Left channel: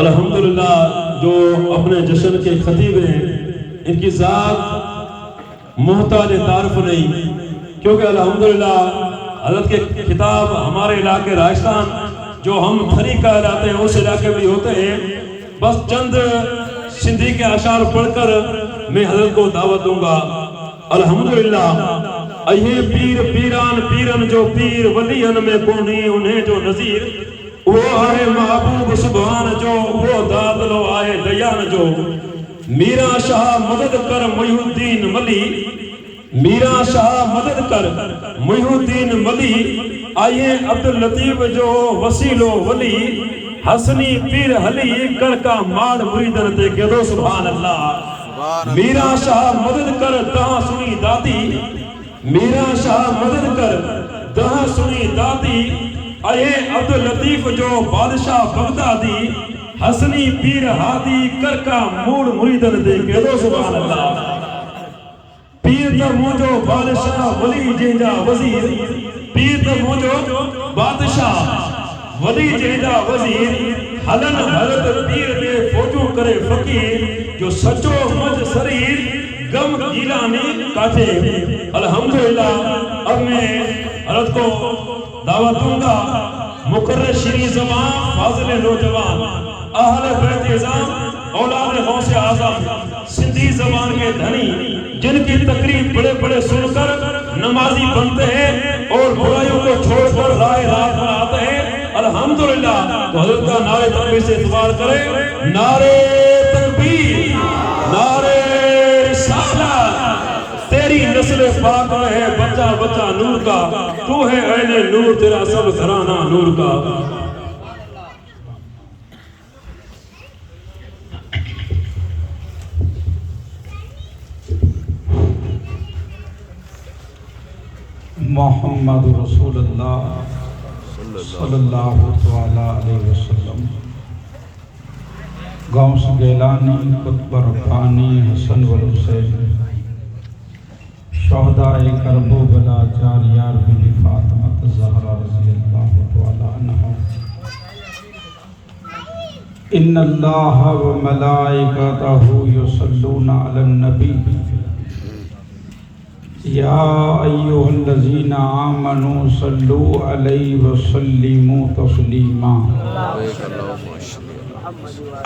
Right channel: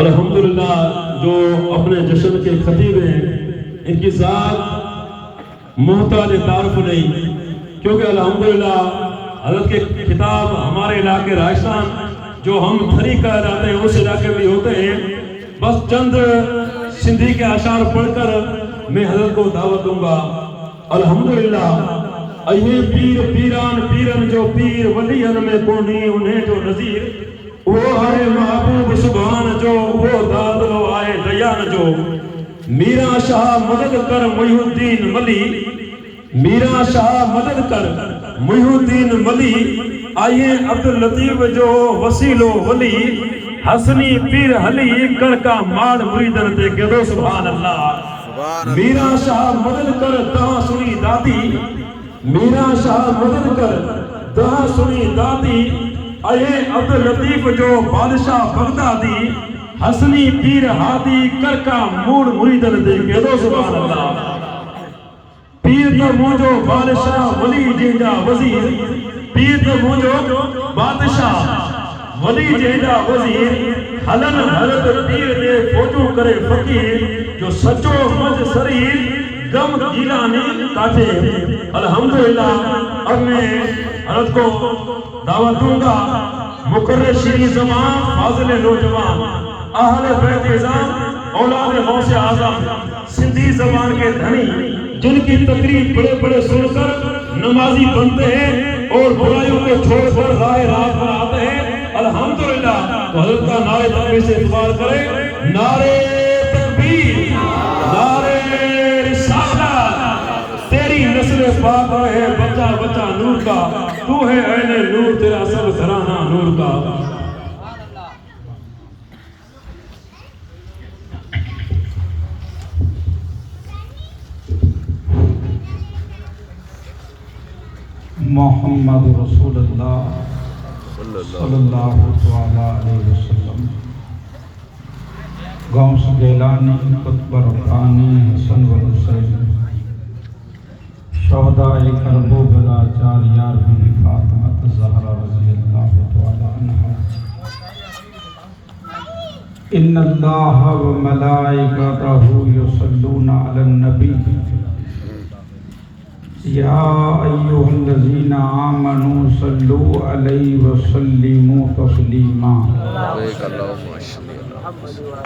الحمدللہ جو اپنے جشن کے خطیب ہیں ان کی ذات محتاج تعارف نہیں، کیونکہ الحمدللہ حضرت کے خطاب ہمارے علاقے راجستھان جو ہم تھری کہلاتے ہیں اس علاقے میں ہوتے ہیں. بس چند سندھی کے اشعار پڑھ کر میں حضرت کو دعوت دوں گا. الحمدللہ اے پیر پیران پیرن جو پیر ولیان میں کونی انہیں جو نظیر، وہ آئے محبوب سبحان جو وہ داد لو آئے دیان جو. میرا شاہ مدد کر محی الدین ملی، میرا شاہ مدد کر محی الدین ملی. آئیے عبداللطیف جو وسیل و ولی، حسنی پیر حلی کڑکا ماڑ مریدن تے کہ دو سبحان اللہ. میرا شاہ مدد کر دہاں سنی داتی، میرا شاہ مدد کر دہاں سنی داتی. اے عبداللطیف جو بادشاہ بغدادی، حسنی پیر ہادی کرکا موڑ مریدن دے کہ دو سبحان اللہ. پیر تو موجو بادشاہ ولی جیجا وزیر، پیر تو موجو بادشاہ ولی جیجا وزیر. حلن حضرت پیر دے فوجو کرے فقیر، جو سچو مجھ سریر غم گیلانی کاٹے. الحمدللہ اب میں حضرت کو دعوت دوں گا. مقرر شیریں زبان فاضل نوجوان، اہل بیت اعظم اولاد غوث اعظم، سندھی زبان کے دھنی، جن کی تقریب بڑے بڑے سن کر نمازی بنتے ہیں اور برائیوں کو چھوڑ کر راہ راست پر آتے ہیں. الحمدللہ تو حضرت کا نعرہ تکبیر سے اعتبار کرے. نعرہ تکبیر، نعرہ رسالت. تیری نسل پاک ہے بچہ بچہ نور کا، تو ہے عین نور تیرا سب گھرانہ نور کا. محمد رسول اللہ صلی اللہ علیہ وسلم. غوث گیلانی، قطب ربانی، حسن و حسین، شہدائے کرب و بلا، چار یار بی فاطمہ زہرا رضی اللہ تعالی عنہا. ان اللہ و ملائکتہ یصلون علی النبی یا ایھا الذین آمنوا صلوا علیہ وسلموا تسلیما.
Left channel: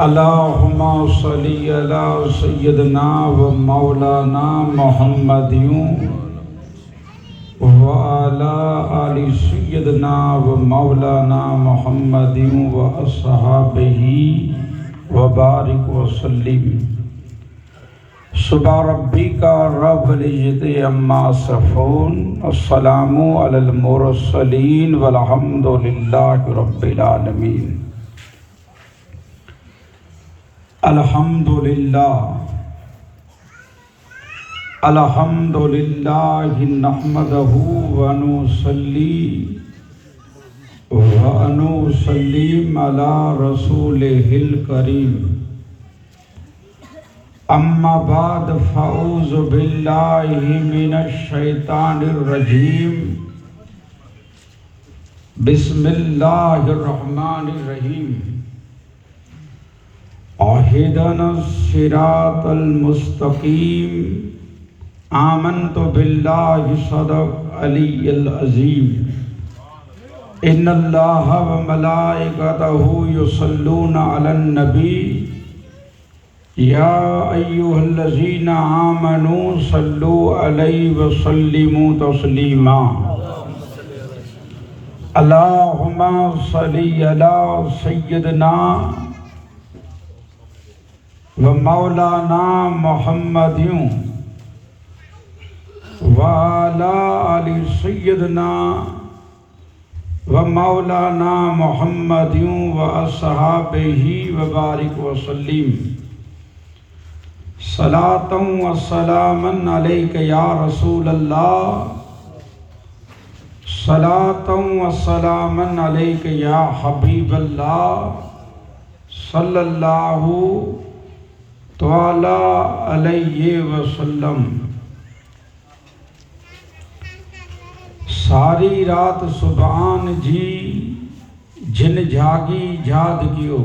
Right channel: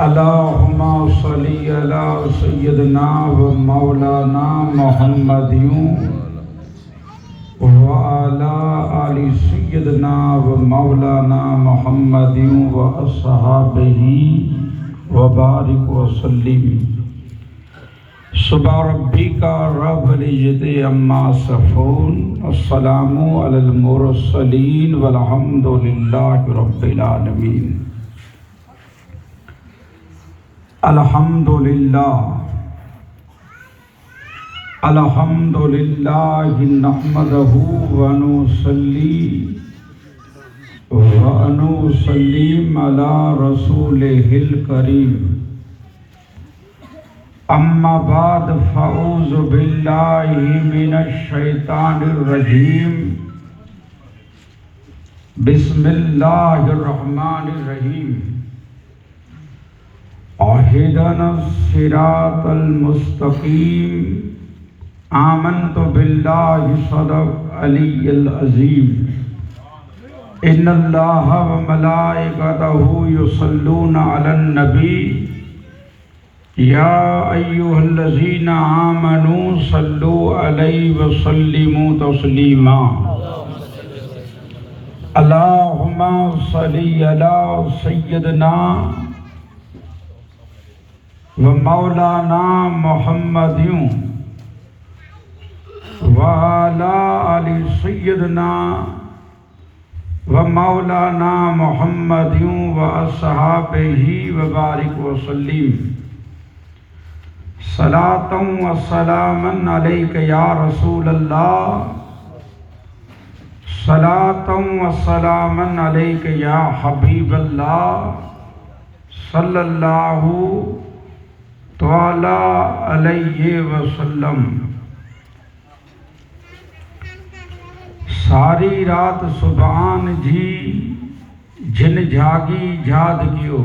اللہم صلی علی سیدنا و مولانا محمد و علی آل سیدنا و مولانا محمد و اصحابہ و بارک وسلم. سبحان ربک رب العزت عما یصفون، السلام علی المرسلین والحمد للہ رب العالمین. الحمدللہ الحمدللہ نحمدہ ونصلی ونسلم علی رسولہ الکریم. اما بعد فاعوذ باللہ من الشیطان الرجیم. بسم اللہ الرحمن الرحیم. اہدنا الصراط المستقیم. آمنت باللہ صدق علی العظیم. ان اللہ و ملائکتہ یصلون علی النبی یا ایھا الذین آمنوا صلوا علیہ وسلموا تسلیما. اللہم صلی علی سیدنا و مولانا محمد و علی آل سیدنا و مولانا محمد و اصحابہ و بارک وسلم. صلاۃ و سلام علیک یا رسول اللہ، صلاۃ و سلام علیک یا حبیب اللہ، صلی اللہ تعالی علیہ وسلم. ساری رات سبحان جی جن جھاگی جھاد کیو،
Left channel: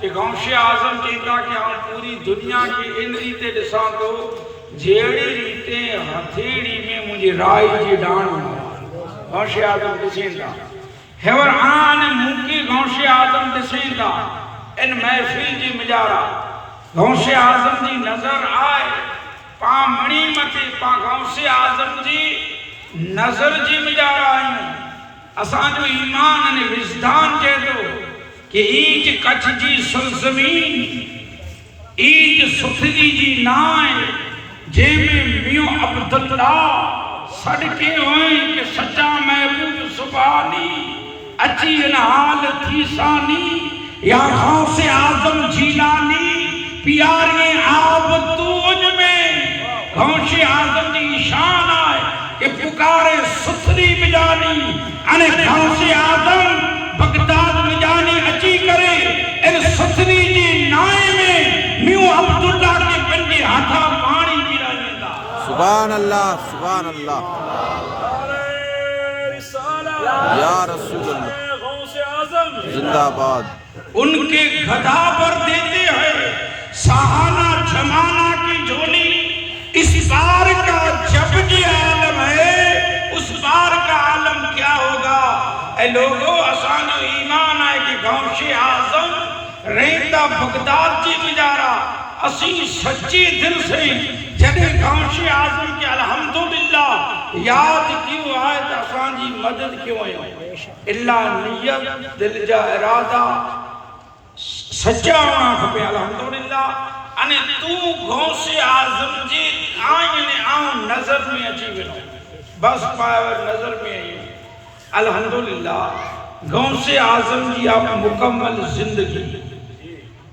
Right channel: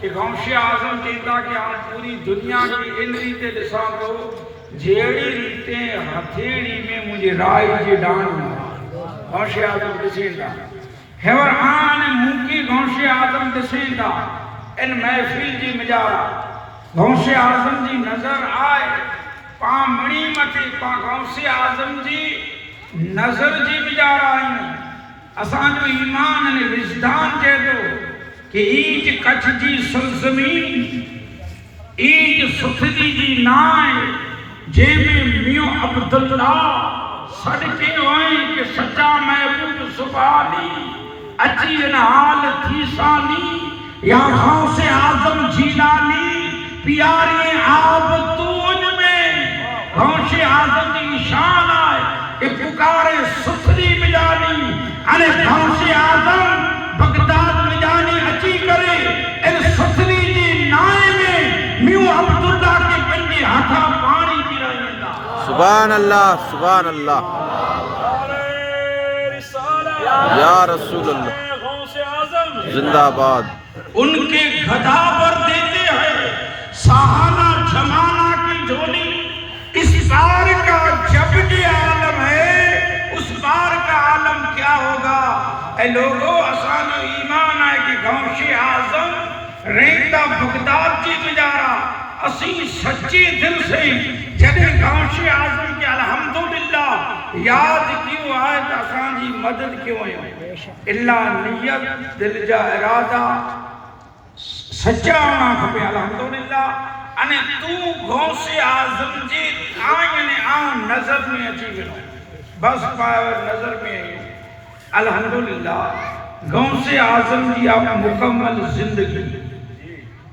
کہ غوث اعظم چیتا کہ ہم پوری دنیا کی ان ریتے ڈساں تو جیڑی ریتے ہتھیڑی میں مجھے رائی جی ڈان غوث اعظم ڈسیں دا ہیور آن موکی غوث اعظم ڈسیں دا ان محفل جی مجارا غوث اعظم جی نظر آئے پا مڑی مٹی پا غوث اعظم جی نظر جی مجارا آئیں اسان جو ایمان نے وجدان کہہ دو کہ ایج کچھ جی سرزمین ایج ستھلی جی نائے جے میں میو عبداللہ صدقے ہوئیں کہ سچا محبوب سبحانی اچھی انحال تھی سانی یا غوث اعظم جیلانی پیاری آب توج میں غوث اعظم جی شان آئے کہ پکارے ستھری مجانی انے غوث اعظم بغداد مجانی اچھی کرے ان ستھری جی نائے میں میو عبداللہ کے پنجے ہاتھا پانی کی رہی دا سبحان اللہ سبحان اللہ یا رسول اللہ زندہ باد ان کے گھڑا پر دیتے ہیں سہانا جمانہ کی جھولی اس بار کا جب یہ عالم ہے اس بار کا عالم کیا ہوگا اے لوگوں اسان ایمان ہے کہ غوث اعظم رہتا بغداد جی مجارا اسی سچے دل سے جنہیں غوث اعظم کے الحمدللہ یاد کیوں آئے تو اسان جی مدد کیوں ہے اللہ نیت دل جا ارادہ سچا ہونا کھپے الحمدللہ انے تو غوث اعظم جی آئین آن نظر میں اچھی گئے بس پائے نظر میں آئی الحمدللہ غوث اعظم جی آپ مکمل زندگی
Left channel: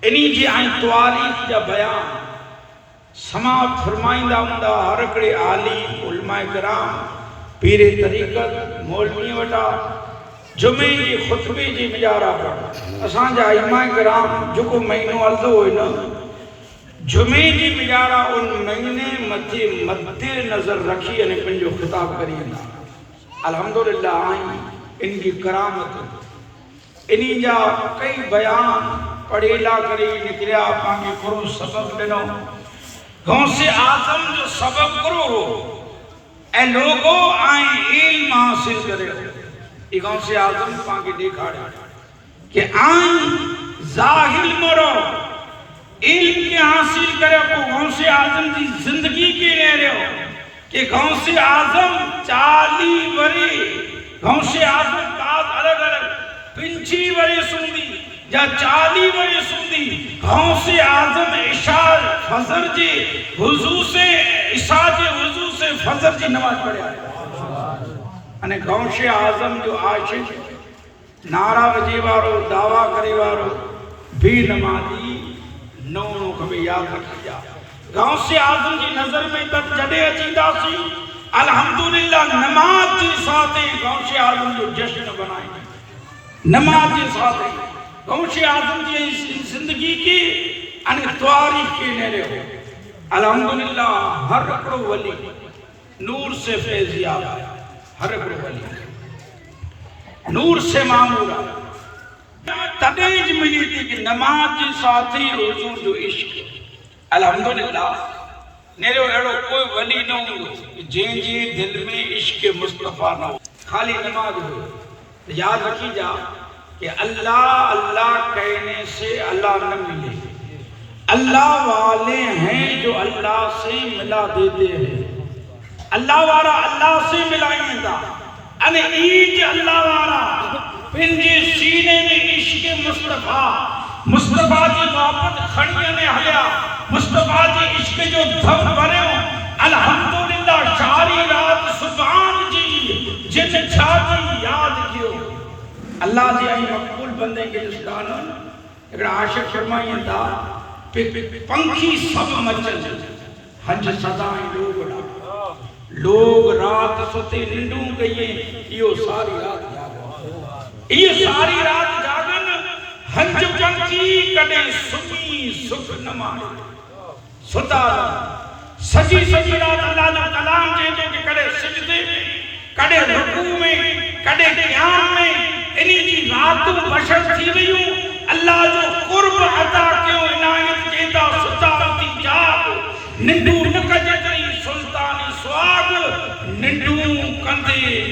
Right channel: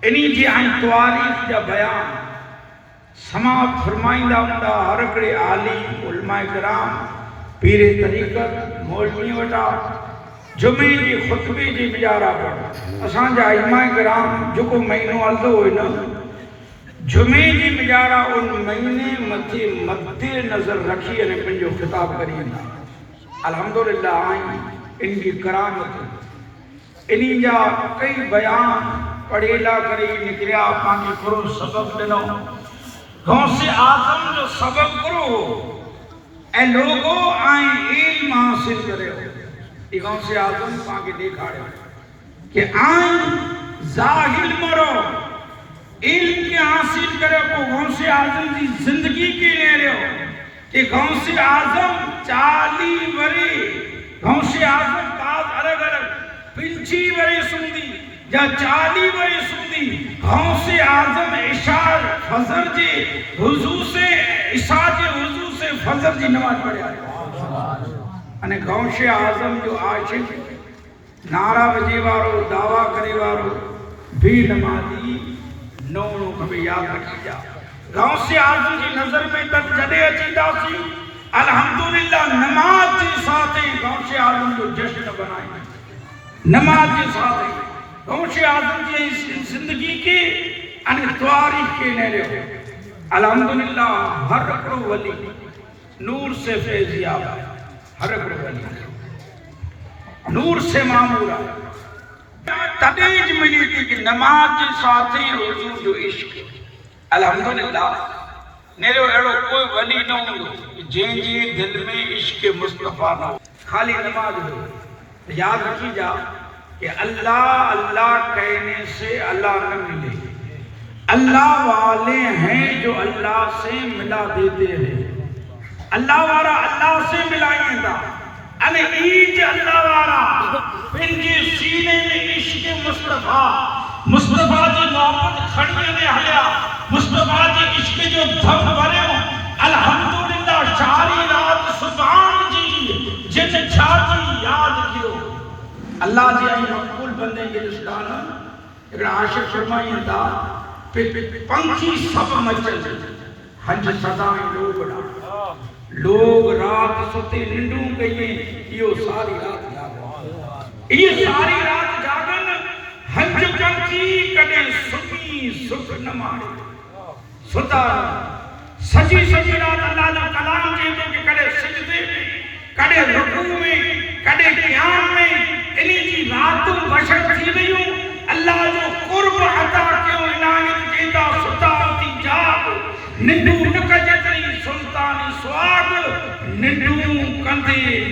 انہی جی آئین تواریخ یا بیان سماعت فرمائندہ ہوندا ہر کڑے عالی علماء کرام پیر طریقت مولوی وٹا جمعے جی خطبے جی مجارا پڑھا اسان جا علماء کرام جو کو مہینوں عرضو ہوئے نا جمعے جی مجارا ان مہینے مد نظر رکھی انہیں پنجو خطاب کریندہ الحمدللہ آئیں ان کی کرامت انہی جا کئی بیان پڑھیلا کری نکلیا پانگی کرو سبب بنو غوث اعظم جو سبب کرو ہو اے لوگوں آئیں علم حاصل کرے ہو یہ غوث اعظم پانگی دیکھاڑے کہ آئیں ظاہر مرو علم کے حاصل کرے کو غوث اعظم جی زندگی کی رہ رہے ہو کہ غوث اعظم 40 وری غوث اعظم بعض الگ الگ 25 وری سندی یا 40 وری سندی غوث اعظم عشاء فجر جی حضور سے عشاء جی حضور سے فجر جی نماز پڑھے آئے انہیں غوث اعظم جو عاشق نعرہ وجی وارو دعویٰ کرے وارو بھی نمازی نو کبھی یاد رکھی جا غوث اعظم کی نظر میں تک جڑے اچیدہ سی الحمدللہ نماز جی ساتھ غوث اعظم جو جشن بنائیں نماز جی ساتھ غوث اعظم جی زندگی کی انہیں تواریخ کے نیرے ہو الحمدللہ ہر اکڑو ولی نور سے فیضیاب ہر اکڑو ولی نور سے معمورہ تدیج ملی تھی کہ نماز جی ساتھی حضور جو عشق الحمدللہ نیرے ایڑو کوئی ولی نہ ہوں جن جی دل میں عشق مصطفیٰ نہ ہو خالی نماز ہو یاد رکھی جا کہ اللہ اللہ کہنے سے اللہ نہ ملے اللہ والے ہیں جو اللہ سے ملا دیتے ہیں اللہ والا اللہ سے ملائیں دا انہیں ایج اللہ والا پنجی سینے میں عشق مصطفیٰ مصطفیٰ جی محبت کھڑیے میں ہلیا مصطفیٰ جی عشق جو دھم بنے ہو الحمدللہ ساری رات سبحان جی جن چھاتی یاد کیوں اللہ جی آئی مقبول بندے کے جس گانا اگر عاشق فرمائیں دا پنکھی سب مچل حج سدائیں لوگ رات ستے ننڈوں گئیں یہ ساری رات جاگن یہ ساری رات جاگن حج پنکھی کڑے سنی سکھ نمائے ستا سجی سجی رات اللہ نے کلام جے تو کہ کڑے سجدے میں کڑے رکوع میں کڑے قیام میں انہی جی راتوں بشر تھی گئیوں اللہ جو قرب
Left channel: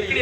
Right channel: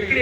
1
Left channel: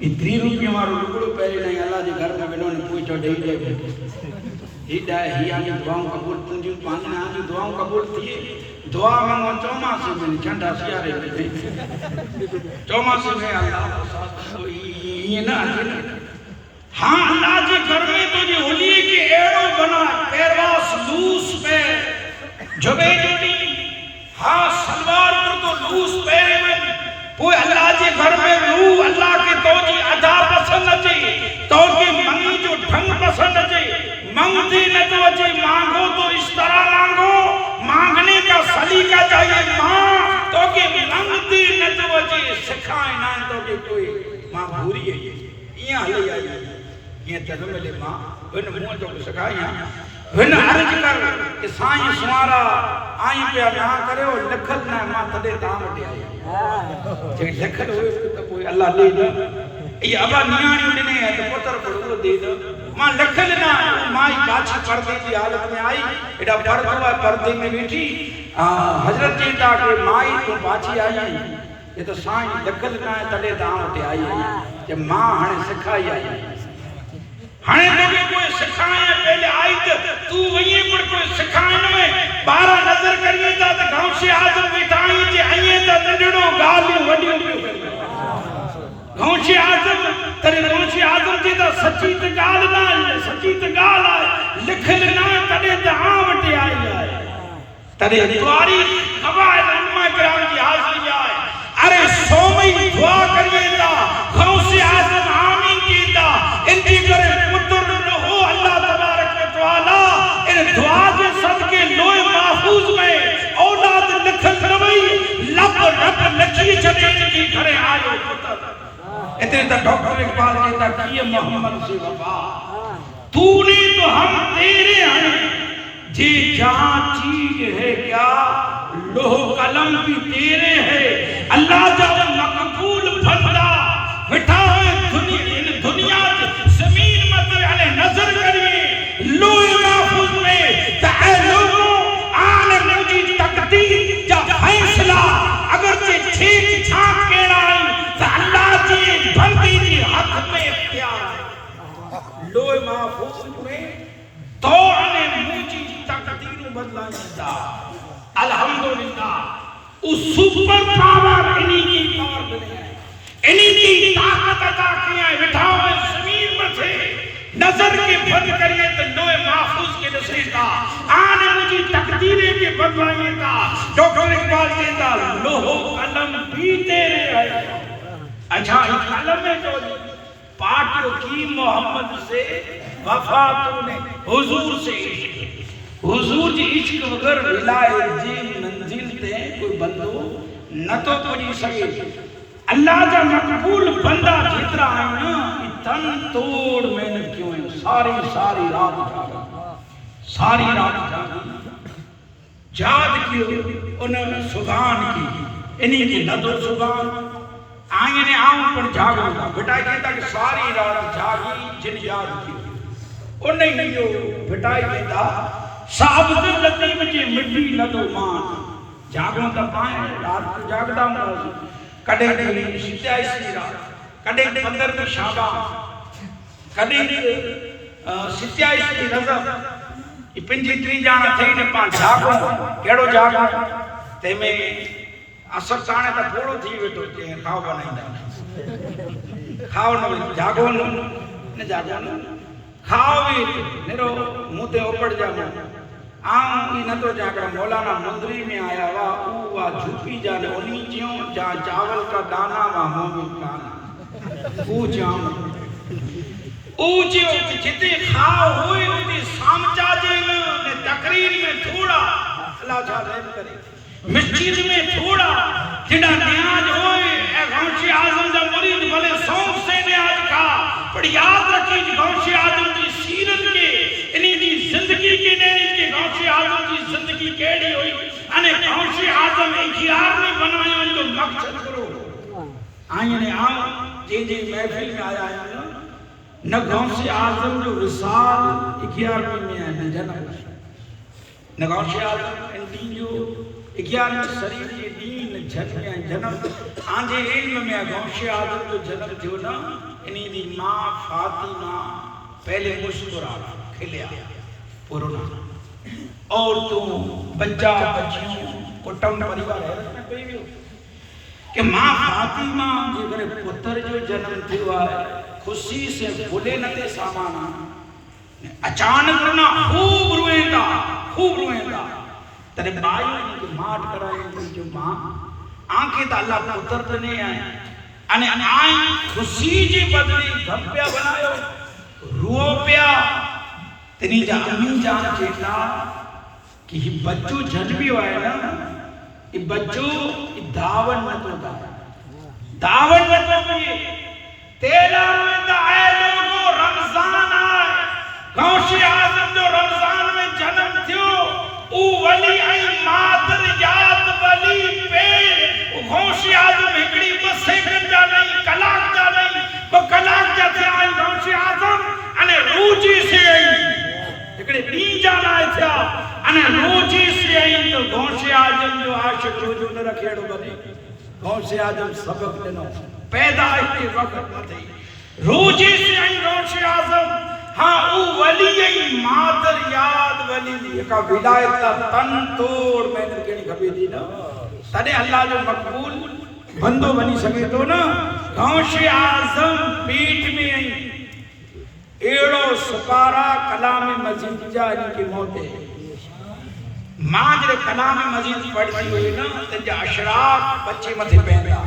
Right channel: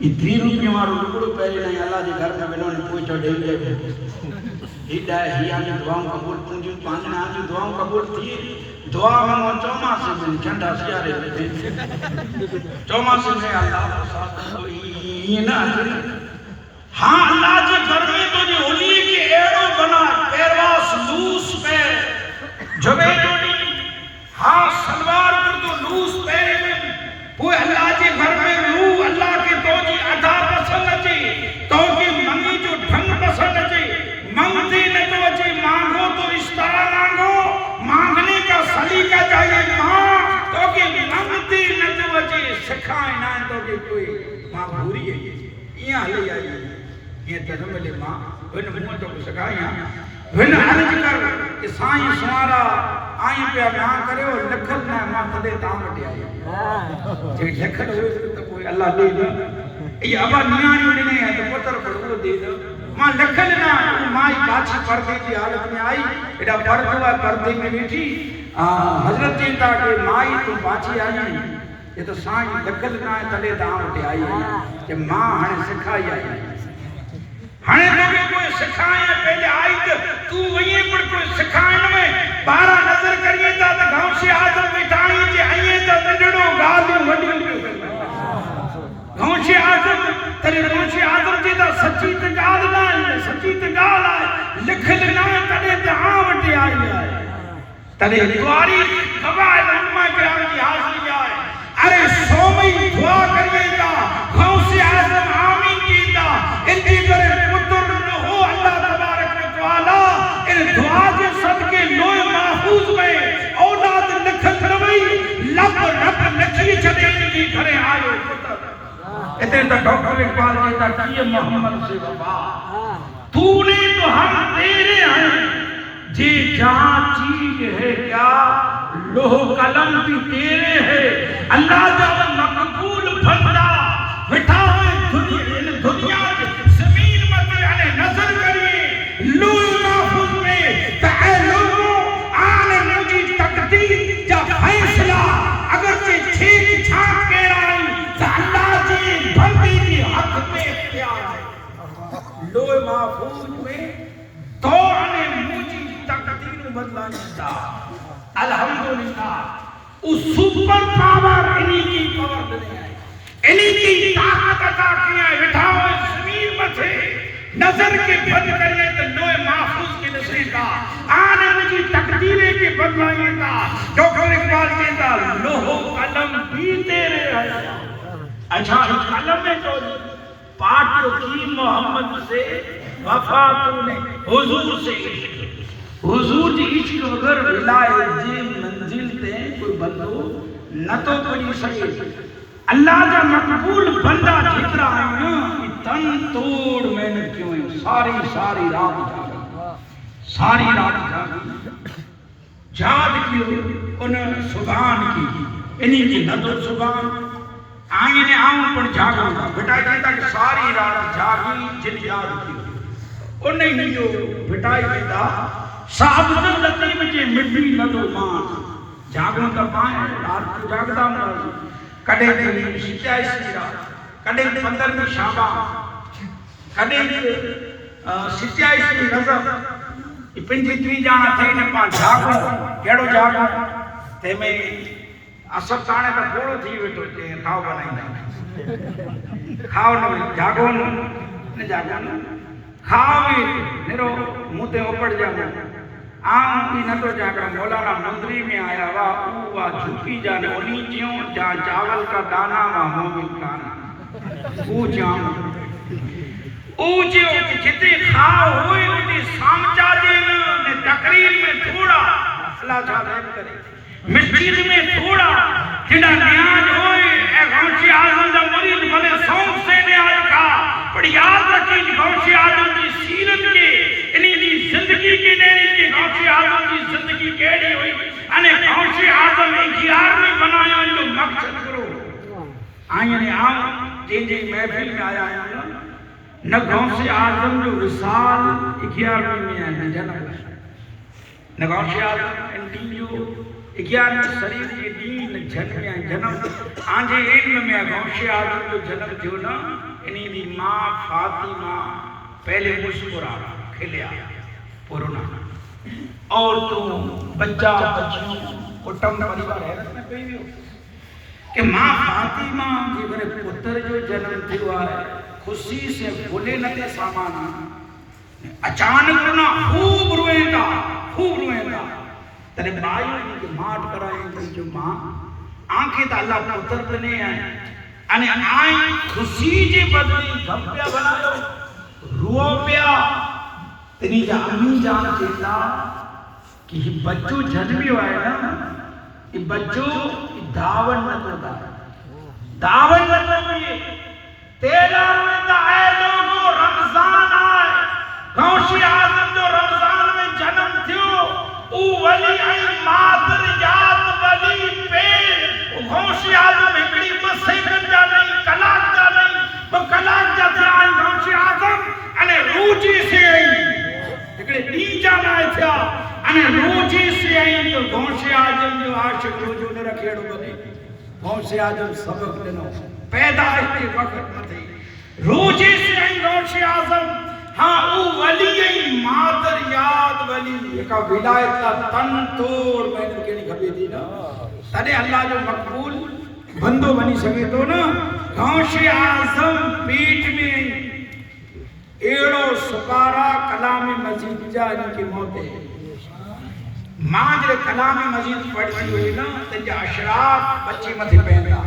اتنی روپیوں والوں لکڑو پہلے نہیں اللہ جی گھر میں ملو نے پوچھو ڈے دے ہیڈا ہے ہی آنی دعاؤں قبول تنجو پانچ آنی دعاؤں قبول تھی دعا میں وہ چوما سے میں چنڈا سیارے میں چوما سے میں اللہ یہ نہ ہاں اللہ جی گھر میں تو جی ہولی کے ایڑو بنا پیرواس لوس پیر جبے جوڑی ہاں سلوار پر تو لوس پیر میں وہ اللہ جی گھر میں لو اللہ کی تو جی ادا پسند اچھی تو جی منی جو ڈھنگ پسند اچھی منگتی نہ تو اچھی مانگو تو اس طرح مانگو مانگنے کا سلیقہ چاہیے ماں تو کہ منگتی نہ تو اچھی سکھائیں نہ تو کہ کوئی ماں بھوری ہے یہاں لے آئی یہ جگہ ملے ماں وین منہ تو سکھائیں وین عرض کر کہ سائیں سوارا آئیں پہ نہ کرے اور لکھل نہ ماں تھلے دام اٹھے آئی جب لکھل ہوئے تو کوئی اللہ دے دا یہ ابا نیانی نہیں ہے تو پتر پڑھو دے دا ماں لکھل نہ مائی باچھی پردے کی حالت میں آئی ایڈا پردہ پردے میں بیٹھی حضرت چیتا کہ مائی تو باچھی آئی یہ تو سائیں لکھل نہ تھلے دام اٹھے آئی کہ ماں ہنے سکھائی آئی ہنے تو بھی کوئی سکھائیں پہلے آئی تو وہیں پر کوئی سکھائیں میں بارہ نظر کریے تا تو گھاؤں سے آدم بیٹھائیں جے آئیے تا نڈڑوں گالوں وڈیوں گھاؤں سے آدم تری گھاؤں سے آدم جے تا سچی تگال لائے سچی تگال آئے لکھل نہ تڑے تا وٹے آئی آئے تڑے دواری قبائل امہ کرام کی حاضری آئے ارے سومی دعا کریے تا گھاؤں سے آدم آمین کیتا انجی کرے پتر نہ ہو اللہ تبارک و تعالی ان دعا کے صدقے لوئے محفوظ میں اولاد لکھت نوئی لب رب نکھی چھڑے ان کی گھرے آئے پتر اتنے تا ڈاکٹر اقبال کہتا کیے محمد سے وفا تو نے تو ہم تیرے ہیں جی جہاں چیز ہے کیا لوہ قلم بھی تیرے ہے اللہ جب مقبول بندہ بٹھا ہوئے دنیا زمین مطلع علیہ نظر کریے لوہ محفوظ میں تاہے لوگوں عالم مجھے تقدیر جا فیصلہ اگرچہ چھیک چھاک پیڑا تو اللہ جی بندی کی حق میں اختیار ہے لوہ محفوظ میں دور نے مجھے تقدیر بدلا جاتا الحمدللہ اس سپر پاور انہی کی پاور بنے ہیں انہی کی طاقت عطا کیا ہے بٹھا ہوئے زمین میں تھے نظر کے بند کریے تو لوہ محفوظ کے نسری کا آنے مجھے تقدیریں کے بدلائیں کا ڈاکٹر اقبال کہتا لوہ قلم بھی تیرے آئے اچھا ایک قلم ہے تو پاکیوں کی محمد سے وفا تو نے حضور سے حضور جی عشق وگر ولائے جی منزل تے کوئی بندو نہ تو پڑی سکے اللہ جا مقبول بندہ جترا ہے نا تن توڑ میں نے کیوں ہے ساری رات جاگا ساری رات جاگ کیوں انہوں نے سبحان کی انہی کی نہ تو سبحان آئیں نے آؤں پر جاگا تھا بٹائی کہتا کہ ساری رات جاگی جن یاد کی انہیں ہی جو بٹائی کہتا صاحب لطیف جی مٹی نہ تو مان جاگوں تا پائیں رات کو جاگتا ہوں کڑے کڑی ستائیس کی رات کڑے 15 شعبان کڑے 27 کی رضب یہ پنجی تری جانا تھے نے پان جاگوں کیڑو جاگوں تے میں اثر چانے تا پھوڑو تھی ویٹو کہ کھاؤ بنائیں جانا کھاؤ نہ جاگوں نہ جاگوں نہ کھاؤ بھی میرو موتے اوپڑ جانا آؤں نہ تو جاگا مولانا مندری میں آیا وا جھوپی جانے انہی جیوں جا چاول کا دانا وا مومن کانا او جاؤں او جیوں کہ جتے کھاؤ ہوئے ہوتی سامچا جینے تقریر میں تھوڑا اللہ تعالیٰ کرے مسجد میں تھوڑا جنہ نیاز ہوئے اے غوث اعظم دا مرید بھلے سونگ سے نیاز کھا پر یاد رکھیں غوث اعظم کی سیرت کے انہی دی زندگی کے نیری کے غوث اعظم کی زندگی کیڑی ہوئی انہیں غوث اعظم اختیار نہیں بنایا ان کو مقصد کرو آئیں نے آؤں جن محفل میں آیا ہے نہ غوث اعظم جو رسال اختیار میں آیا نہ جنم نگوش آدم ان دین جو 11 شریف جی دین جنم آنجے علم میں گوش آدم جو جنم جو نا انہی دی ماں فاطمہ پہلے مسکرا کھلیا پرونا اور تو بچہ بچیوں کٹم پریوار حیرت میں کوئی بھی ہو کہ ماں فاطمہ جی گھر پتر جو جنم تھیوا ہے خوشی سے بھولے نہ دے سامانا اچانک رونا خوب روئیں دا ترے بھائی کہ ماٹ کرائیں گی جو ماں آنکھیں تا اللہ پتر بنے ہیں انہیں آئیں خوشی جی بدلی گھم پیا بنایو رو پیا تنی جا امین جان چیتا کہ یہ بچو جنمی ہوئے نا یہ بچو دعوت نہ تو تیرا ہوئے دا اے لوگو رمضان آئے غوث اعظم جو رمضان میں جنم تھیو او ولی ای مادر یاد ولی پیر غوث اعظم ہکڑی بس سیکنڈ جا نہیں کلاک جا نہیں وہ کلاک جا تھا غوث اعظم انہیں روجی سے آئی ہکڑے نی جانا ہے تھا انہیں روجی سے آئی تو غوث اعظم جو عاشق روجو نے رکھیڑو بنے غوث اعظم سبق دینا پیدا کے وقت میں تھی روجی سے آئی غوث اعظم ہاں او ولی مادر یاد ولی کا ولایت کا تن توڑ میں نے کہنی کبھی دی نا تنے اللہ جو مقبول بندو بنی سکے تو نا غوث اعظم پیٹ میں ایڑو سپارا کلام مزید جانی کی موت ہے ماں جب کلام مزید پڑھتی ہوئی نا تنجا اشراف بچے متھے پہندا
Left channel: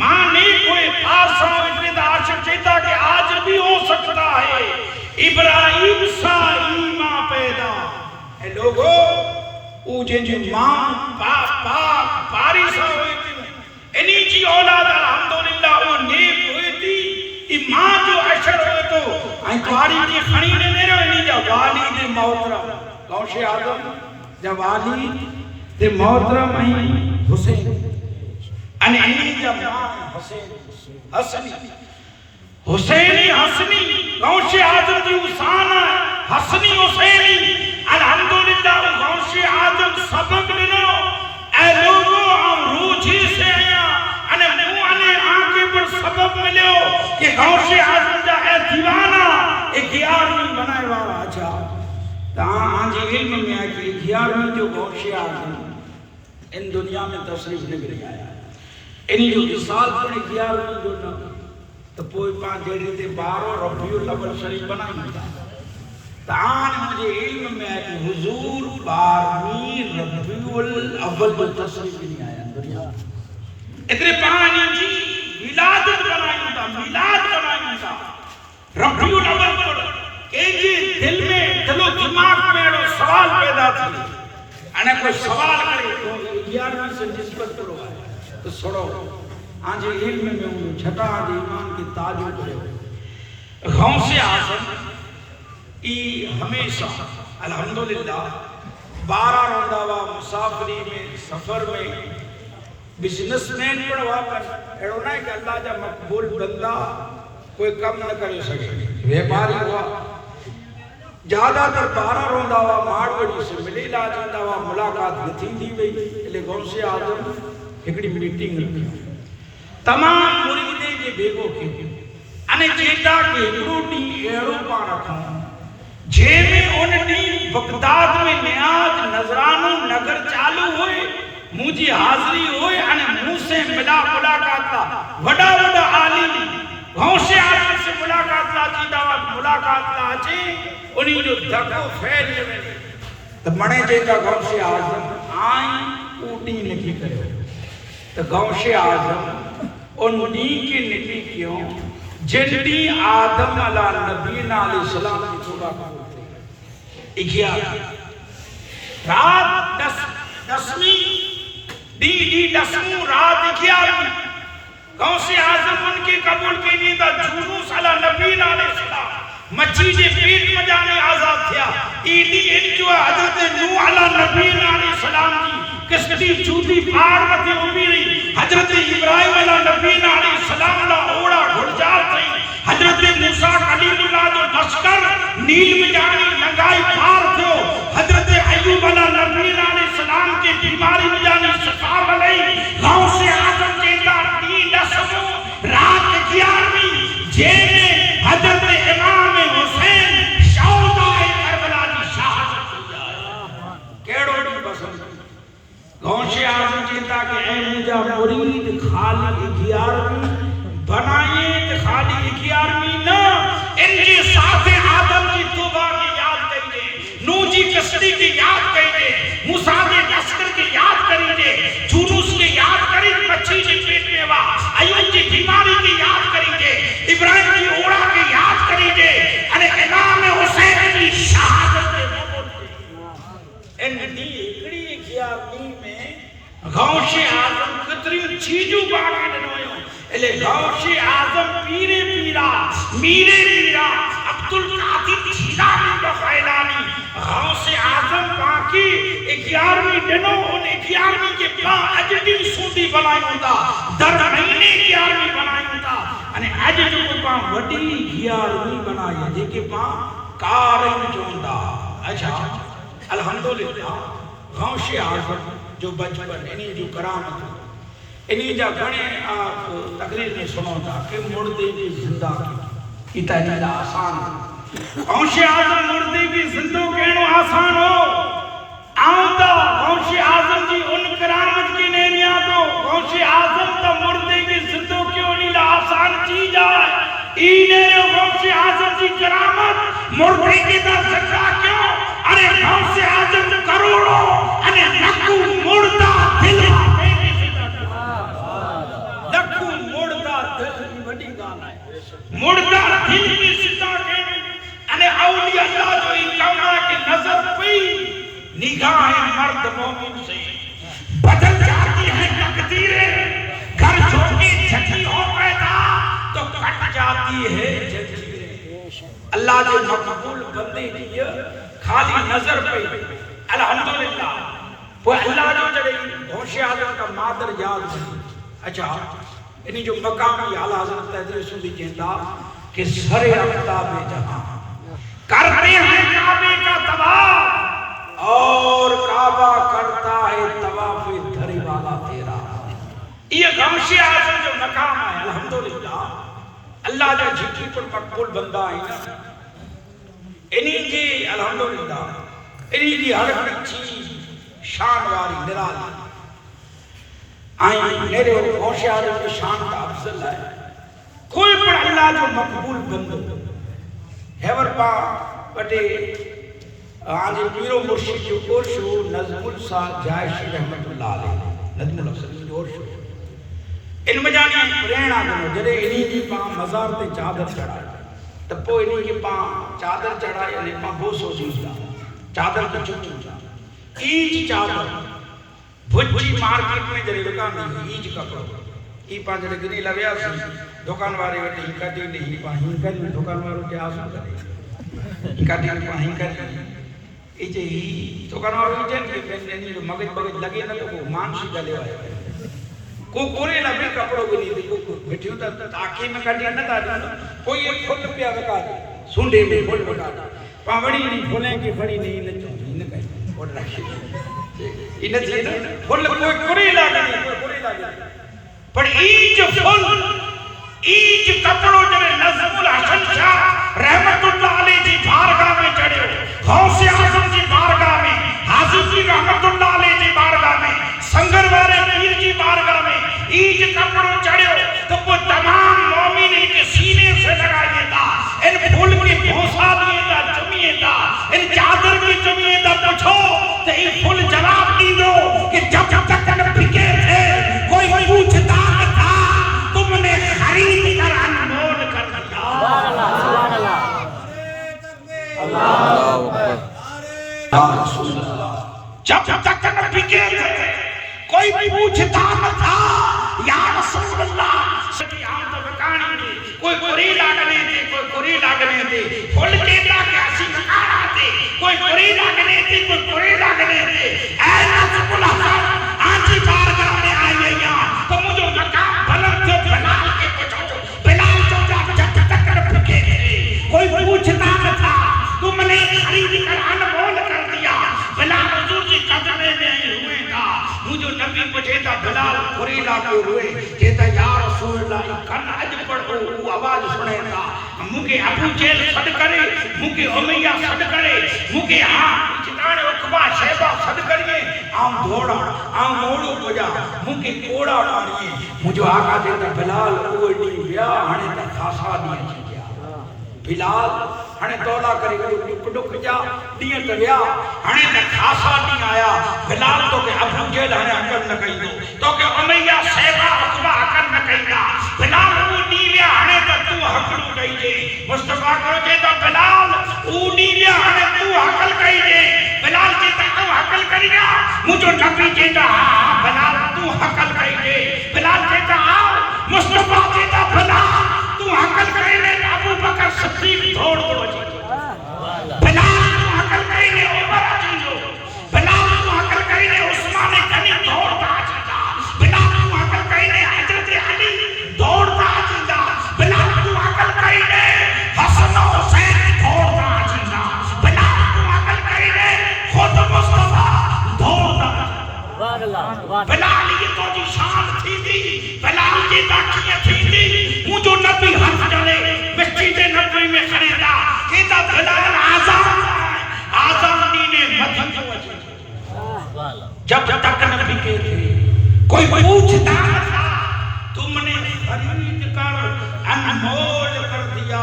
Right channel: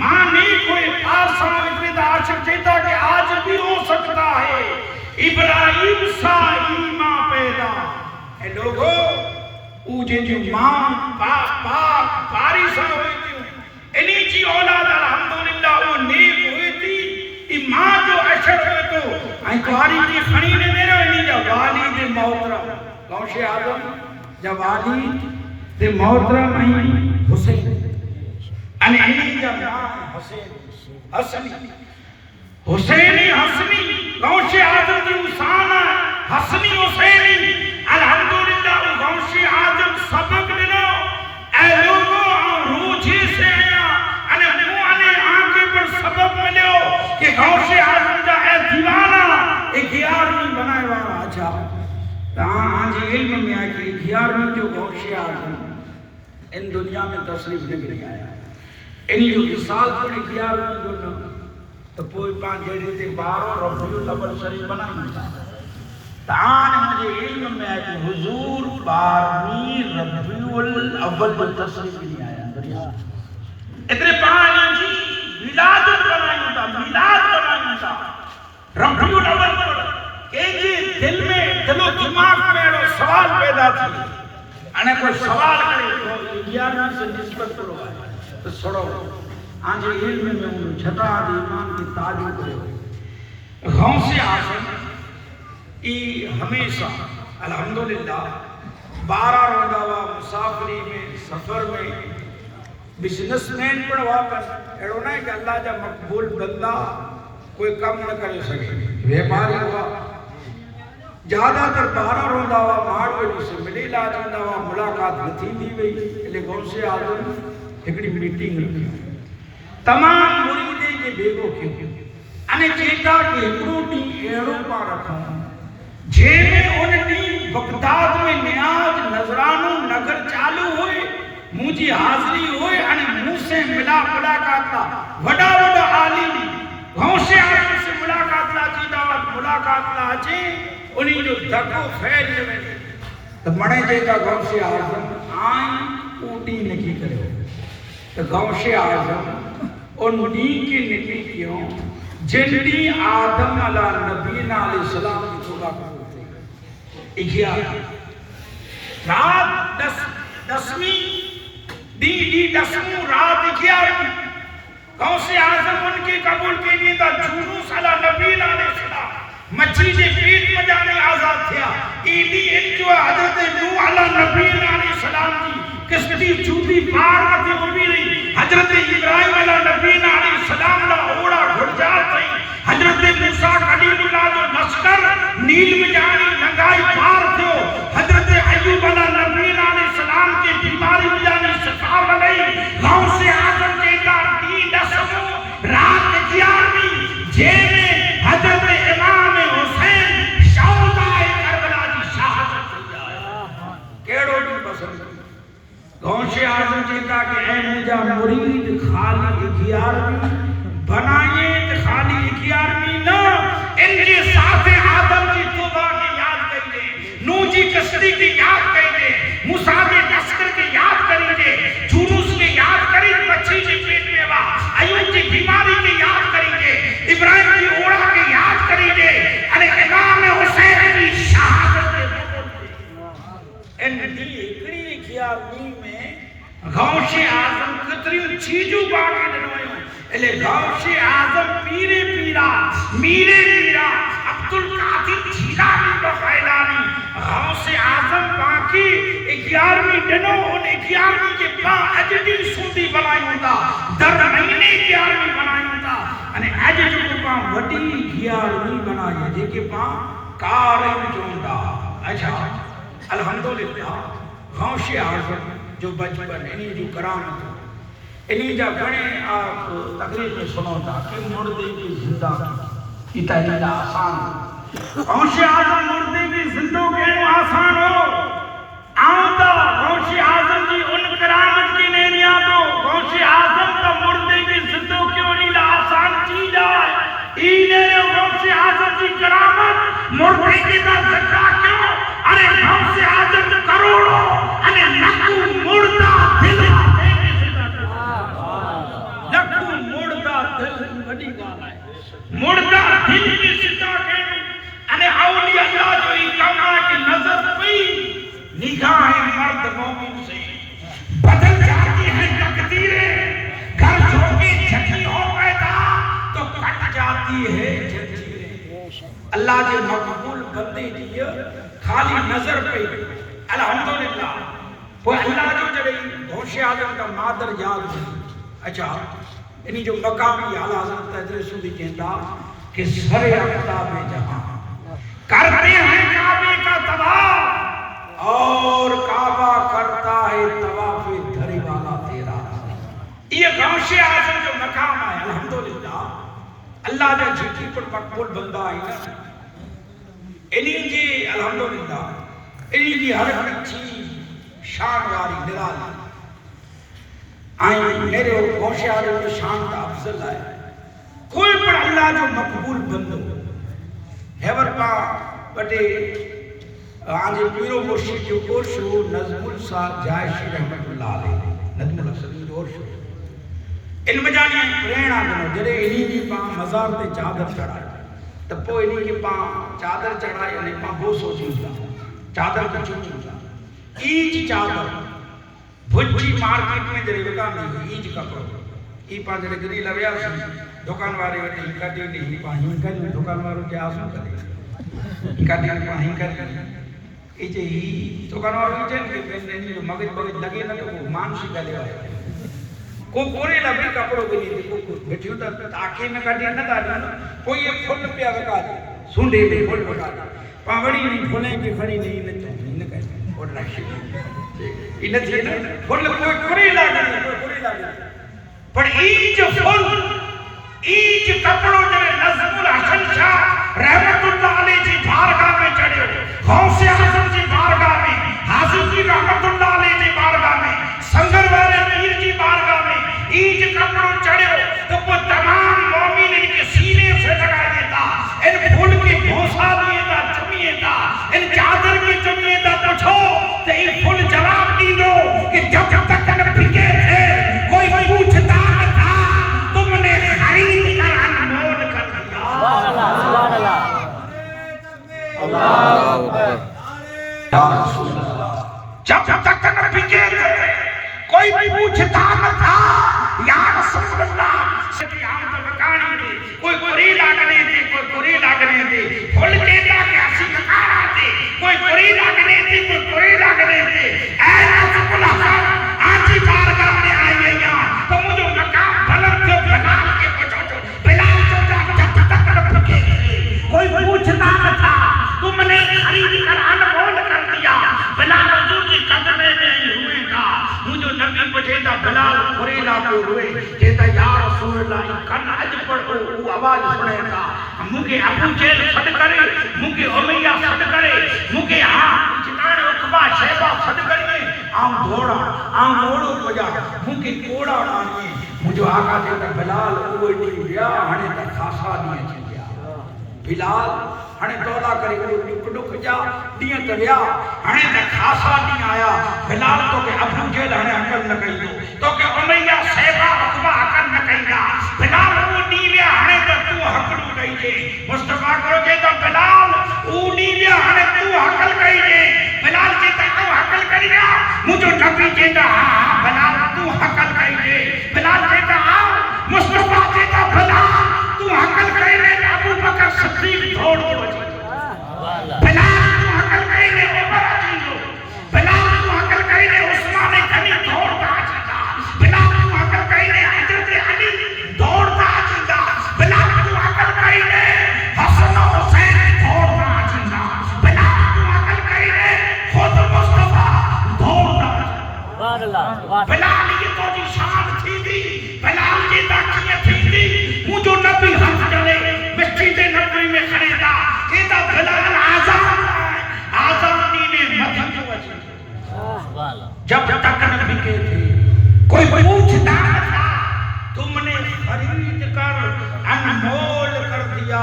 ماں نہیں کوئی پاسا اتنی دا عاشق چاہتا کہ آج بھی ہو سکتا ہے ابراہیم سا ایمان پیدا اے لوگو او جن جو ماں پاری سا ہوئی تھی انہی جی اولاد الحمدللہ وہ نیک ہوئی تھی ایمان جو اشر ہوئے تو آئیں کواری کی خنی نے میرا انہی جا والد محترم غوث اعظم جا والد محترم ہیں حسین انہی جا ماں حسین حسینی حسنی غوث اعظم کی حسانہ حسنی حسینی الحمدللہ غوث اعظم سبق لنو اے لوگوں ہم روجی سے آیا انہیں آنکھیں پر سبق ملو کہ غوث اعظم جا اے دیوانہ ایک 11ویں بنائے والا آجا آنجی علم میں آئی کہ 11ویں جو غوث اعظم ان دنیا میں تصریف نگری آیا انہی جو مثال پڑے 11ویں جو نا تو کوئی پانچ جیڑی تھے 12 ربیع الاول شریف بنائی مجھا تاں مجھے علم میں ہے کہ حضور 12ویں ربیع الاول جو تصریف نہیں آیا اتنے پانچ جی ولادت بنائی ہوتا میلاد بنائی ہوتا ربیع الاول پڑھا کہ جی دل میں دل و دماغ میں سوال پیدا تھی انہیں کوئی سوال کرے 11ویں سے نسبت کرو تو سڑو آنجے علم میں انہوں چھٹا آدھی ایمان کی تاجو کرو غوث اعظم ای ہمیشہ الحمدللہ 12 روندہ مسافری میں سفر میں بزنس مین پڑھوا کر ایڑونا ہے کہ اللہ جا مقبول بندہ کوئی کم نہ کرے سکے ویپاری ہوا زیادہ تر 12 روندہ ماروڑی سے ملی لاجندہ ملاقات نتھی دی گئی لے غوث اعظم ایکڑی میٹنگ رکھی تمام مریدیں کے بیگو کیوں انہیں چیتا کہ ایکڑوٹی ایروپا رکھا جے میں انہیں بغداد میں نیاز نظرانو نگر چالو ہوئے مجھے حاضری ہوئے انہیں منہ سے ملاقات لا وڈا وڈا عالم غوث اعظم سے ملاقات لا جی دعوت ملاقات لا جی انہیں جو دھکو پھیر لے تو مڑے چیتا غوث اعظم آئیں اوٹی نکی کرے تو غوث اعظم انہی کی نکی کیوں جنڈی آدم علیہ نبینا علیہ السلام کی توبہ کرتے 11 رات 10ویں رات 11 غوث اعظم ان کی قبول کی نیدہ جنوس علیہ نبینا علیہ السلام مچھی جے پیٹ میں جانے آزاد تھیا ایڈی انجو حضرت نوح علیہ نبینا علیہ السلام کی کشتی چوتی پار مطے امیر حضرت ابراہیم علیہ نبینا علیہ السلام لا اوڑا گھڑجار تھی حضرت موسیٰ کلیم اللہ جو لشکر نیل میں جانی لنگائی پار تھو حضرت ایوب علیہ جا مرید خالی 11ویں بنائیں تے خالی 11ویں نہ ان جی ساتھ آدم کی توبہ کی یاد کریے، نوح جی کشتی کی یاد کریے، موسیٰ کے لشکر کی یاد کریے، یونس کی یاد کریے مچھی جی پیٹ میں وا، ایوب کی بیماری کی یاد کریے، ابراہیم کی اوڑا کی یاد کریے، ارے امام حسین کی شہادت کے ان دی اکڑی 11ویں میں غوث اعظم کتری چیزوں باقی دنوائیوں لے غوث اعظم پیرے پیرا میرے میرا عبدالقادر جیلانی بخیلانی غوث اعظم باقی 11ویں دنوں ان 11ویں کے پاں اجدی سوندی بنائی ہوتا در مہینے 11ویں بنائی ہوتا انہیں اجدی کو پاں وڈی 11ویں بنائی جے کے پاں کارم چوندہ. اچھا الحمدللہ غوث اعظم جو بچپن انہی جو کرامت انہی جا گھنے آپ تقریر میں سنو تھا کہ مردے کی زندہ کی تحلیل آسان غوث اعظم مردے کی زندہ کہنو آسان ہو آؤں تا غوث اعظم جی ان کرامت کی نینیاں دو غوث اعظم تا مردے کی زندہ کیوں نہیں آسان چیز آئے اینے غوث اعظم جی کرامت مردے کی زندہ کیوں ارے غوث اعظم کروڑوں ارے نکو مردہ دل نکو مردہ دل بڑی گال ہے مردہ دل کی ستا کہنے ارے اولیاء اللہ جو ہی کہا کہ نظر پئی نگاہ مرد مومن سے بدل جاتی ہے تقدیریں گھر جھوکے جھکی ہو پیدا تو کٹ جاتی ہے جنجیریں. اللہ جو مقبول بندے کی خالی نظر پہ الحمدللہ وہ اللہ جو جڑے غوث اعظم کا مادر یاد ہے. اچھا انہی جو مقامی اعلیٰ حضرت تدریس سندھی کہتا کہ سر افتاب جہاں کرتے ہیں کعبے کا تباہ اور کعبہ کرتا ہے طواف دھری والا تیرا. یہ غوث اعظم جو مقام ہے الحمدللہ اللہ جو جھٹی پر مقبول بندہ ہے انہی جی الحمدللہ انہی جی ہر چیز شان واری نرالی آئیں میرے غوث اعظم کی شان کا افضل ہے کوئی پر اللہ جو مقبول بندو ہیور پا بٹے آج پیرو مرشد جو اور شو نظم السا جائش رحمت اللہ علیہ نظم السا جو اور شو ان مجانی پرینا دنو جڑے انہی جی پا مزار تے چادر چڑھائے تپو انہی جی پا چادر چڑھائے انہی پا گوسو سوچتا چادر کی چوچا ایج چادر بھجی مارکیٹ میں جڑے دکان نہیں ایج کپڑو ای پا جڑے گری لگیا سی دکان والے وٹے ہنکا دی نہیں پا ہنکا دی دکان والوں کے آسان کرے ہنکا دی پا ہنکا دی ای جے ہی دکان والوں جن کے بندے جو مگج بگج لگے نہ تو وہ مانشی گلے آئے کو کوری لگے کپڑوں کے لیے کو بیٹھیوں تا تاکہ میں کٹیا نہ تا کوئی ایک پھل پیا بکا دے سونڈے میں پھل بکا دے پاوڑی نہیں پھولیں کی کھڑی نہیں نہ کہیں اور رکھیں انہیں تھی نا پھل کوئی کوری لگے پر ایج پھل ایج کپڑوں جنہیں نظم الحسن شاہ رحمت اللہ علیہ جی بارگاہ میں چڑھے ہو غوث اعظم جی بارگاہ میں حاضر جی رحمت اللہ علیہ جی بارگاہ میں سنگر والے پیر جی بارگاہ میں ایج کپڑوں چڑھے ہو تو وہ تمام مومن ان کے سینے سے لگائیے گا ان پھول کی گھوسا دیے گا چمیے گا ان چادر کی چمیے گا پوچھو تو ان پھول جواب دی دو کہ جب تک ان پھکے تھے کوئی پوچھتا نہ تھا تم نے خرید کر انمول کر دیا. اللہ جب تک ان پھکے تھے کوئی پوچھتا نہ تھا یا رسول اللہ کوئی کوری لاگنے تھے کوئی کوری لاگنے تھے پھول دیتا کہ اسی کھانا تھے کوئی کوری لاگنے تھے کوئی کوری لاگنے تھے اے نظم الحسن آجی بارگاہ میں آئیے یہاں تو مجھے مقام بلند سے بلال کے پچھو بلال جو جب تک رکھے تھے کوئی پوچھتا نہ تھا تم نے خرید کر انمول کر دیا بلال حضور جی قدمے میں ہوئے گا مجھے نبی پوچھے تھا بلال کوری لاگے ہوئے کہتا یا رسول اللہ کن اج پڑھو وہ آواز سنے گا مجھے ابو جیل صد کرے مجھے امیہ صد کرے مجھے ہاں جنان عقبہ شہبہ صد کرے آم دھوڑا آم موڑو پجا مونگی کوڑا پانی مجھو آقا دیتا بلال اوڑی بیا ہنے تا خاصا نہیں چی بیا بلال ہنے تولا کرے ڈک ڈک جا دیئے تا بیا ہنے تا خاصا نہیں آیا بلال تو کہ ابو جیل ہنے عقل نہ کہی دو تو کہ امیہ سیبا عقبہ عقل نہ کہی دا بلال او نیویا ہنے تا تو حقلو کہی دے مصطفیٰ کرو جیتا بلال او نیویا ہنے تو حقل کہی دے بلال جیتا او حقل کہی دا مجھو نبی جیتا بلال تو حقل کہی دے بلال جیتا آؤ مصطفیٰ جیتا بلال تو حقل کہی دے ابو بکر صدیق دھوڑ کے بچے بلال تو حقل کہی دے عمر عجیزو بلال تو حقل کہی دے عثمان غنی دوڑتا آجیدہ بلال تو حقل کہی دے حضرت علی دوڑتا آجیدہ بلال تو حقل کہی دے حسن و حسین دوڑتا آجیدہ بلال تو حقل کہی دے خود مصطفیٰ دوڑتا آجیدہ بلال یہ تو جی شان تھی دی بلال کی داکیاں تھی دی مجھو نبی حق جڑے مسجد نبی میں خریدا کہتا بلال آزادی نے مدھن جو اچھا جب تک نبی کے تھے کوئی پوچھتا تھا تم نے خرید کر انمول کر دیا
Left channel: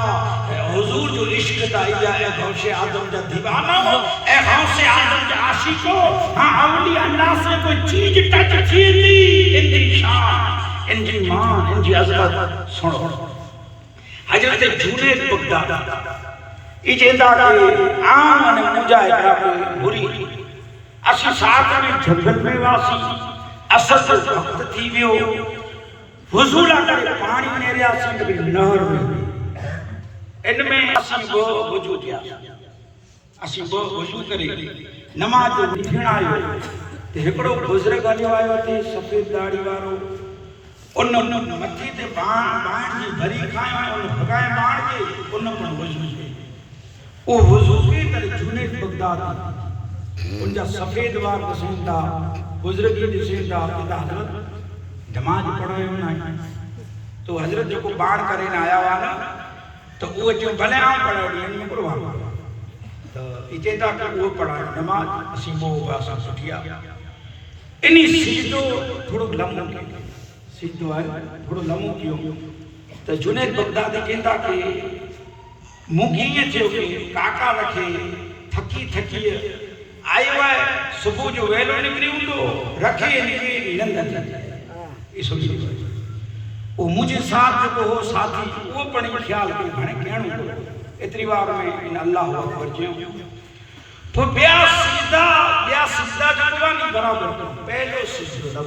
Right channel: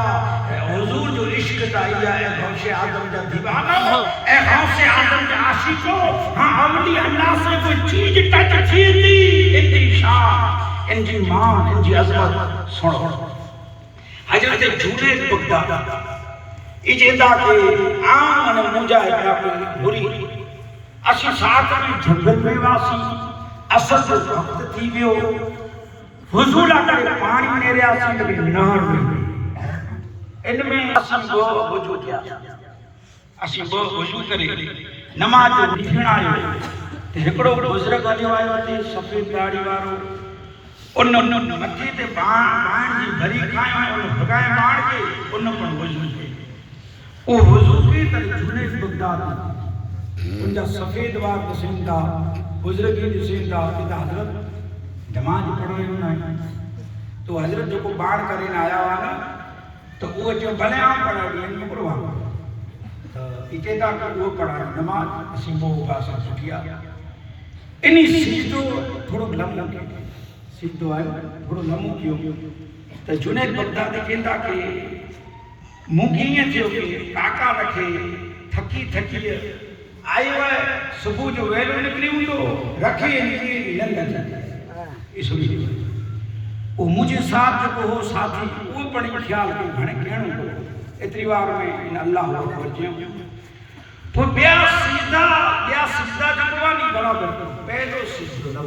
حضور جو عشق دائیا اے غوث اعظم جا دیوانہ اے غوث اعظم جا عاشقو ہاں اولیاء اللہ سے کوئی چیز ٹچ تھی دی ان کی شان ان کی مان ان کی عظمت سنو حضرت جنید بغدادی اجیدہ کے آن مجاہدہ بری اسی ساتھ میں جنگل میں واسی اصل وقت تھی ویو حضور اگر پانی میرے آسی نبی نہر میں ان میں اسی وہ وجود کیا اسی وہ وجود کرے نماز جو لکھن آئے تو ہکڑو بزرگ جو آئے ہوتے سفید داڑی وارو ان مچی تے بان جی بھری کھائیں ان بھگائیں بان کے ان پر وجود کے وہ وضو کی تر جنید بغدادی ان جا سفید وار نسین تھا بزرگی نسین تھا کہ حضرت نماز پڑھوئے ہونا ہے تو حضرت جو کو بان کریں آیا وانا تو وہ جو بھلے آم پڑھا ہوئی ان میں پڑھوا تو اچھے تھا کہ وہ پڑھا ہے نماز اسی وہ باسا سٹھیا انہی سجدو تھوڑو لمحوں کی سجدو آئے تھوڑو لمحوں کیوں تو جنید بغدادی کہتا کہ مونگیاں تھے کہ کاکا رکھے تھکی تھکی آئی وہ صبح جو ویلو نکلی ہوں تو رکھے نکلی لندن اس لیے وہ مجھے ساتھ جو ہو ساتھی وہ پڑی خیال کو گھنے کہنوں کو اتری بار میں ان اللہ اکبر جیوں تو بیا سجدہ جو نہیں برابر کرو پہلو سجدہ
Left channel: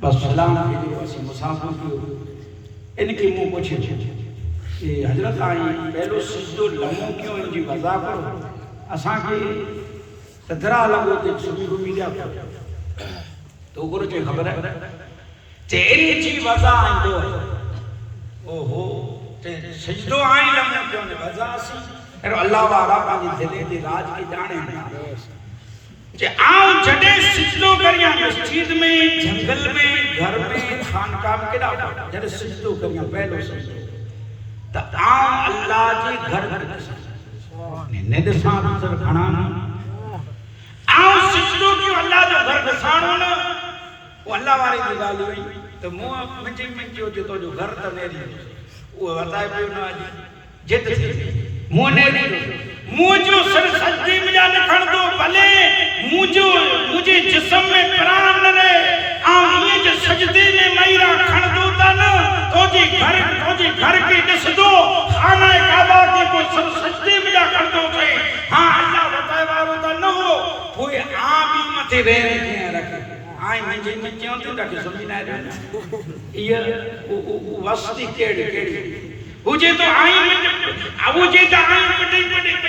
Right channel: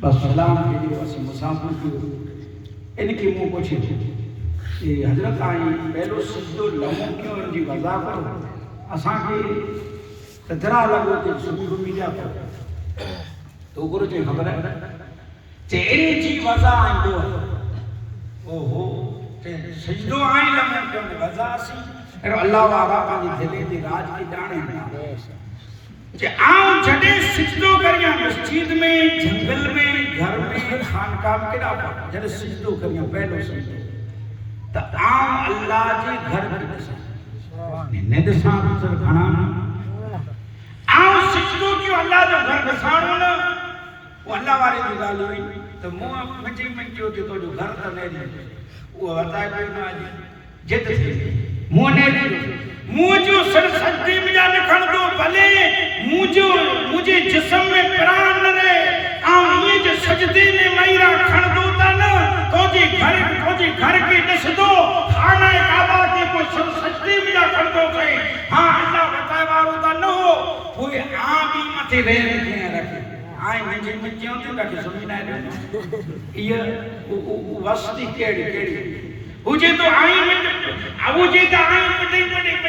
بس سلام کے لیے اسی مسافر کی ان کی منہ پوچھے کہ حضرت آئی پہلو سجدو لمحوں کیوں ان جی وضا کرو اساں کے تدرا لگو تے سبیرو میڈیا پر تو گرو چے خبر ہے تیری جی وضا آئی دو اوہو سجدو آئی لمحوں کیوں نے وضا سی اللہ وعلا پانی دلے دی راج کی جانے جے آؤں جڑے سجدو کریاں مسجد میں جنگل میں گھر میں خانقاہ میں کدا جڑے سجدو کریاں پہلو سجدو تا آؤں اللہ جی گھر میں نے دسان سر کھانا آؤں سجدو کیوں اللہ جو گھر دسان ہونا وہ اللہ والے کی گالی ہوئی تو منچی منچی ہوتی تو جو گھر تا میری وہ بتائے بھی ہونا جت تھی مجھو سر سجدی میں جا نکھڑ دو بھلے مجھے جسم میں پران نہ رہے آؤں یہ جو سجدی میں میرا کھڑ دو تا نا تو جی گھر کے دس دو خانہ کعبہ کے کوئی سر سجدی میں جا کھڑ دو تھے ہاں اللہ بتائے بارو تا نہ ہو کوئی بھی متے رہ رہے رکھے آئیں منجی منجی ہوتی رکھے سمجھ نہ رہے یہ وسطی کیڑی مجھے تو آئیں پٹی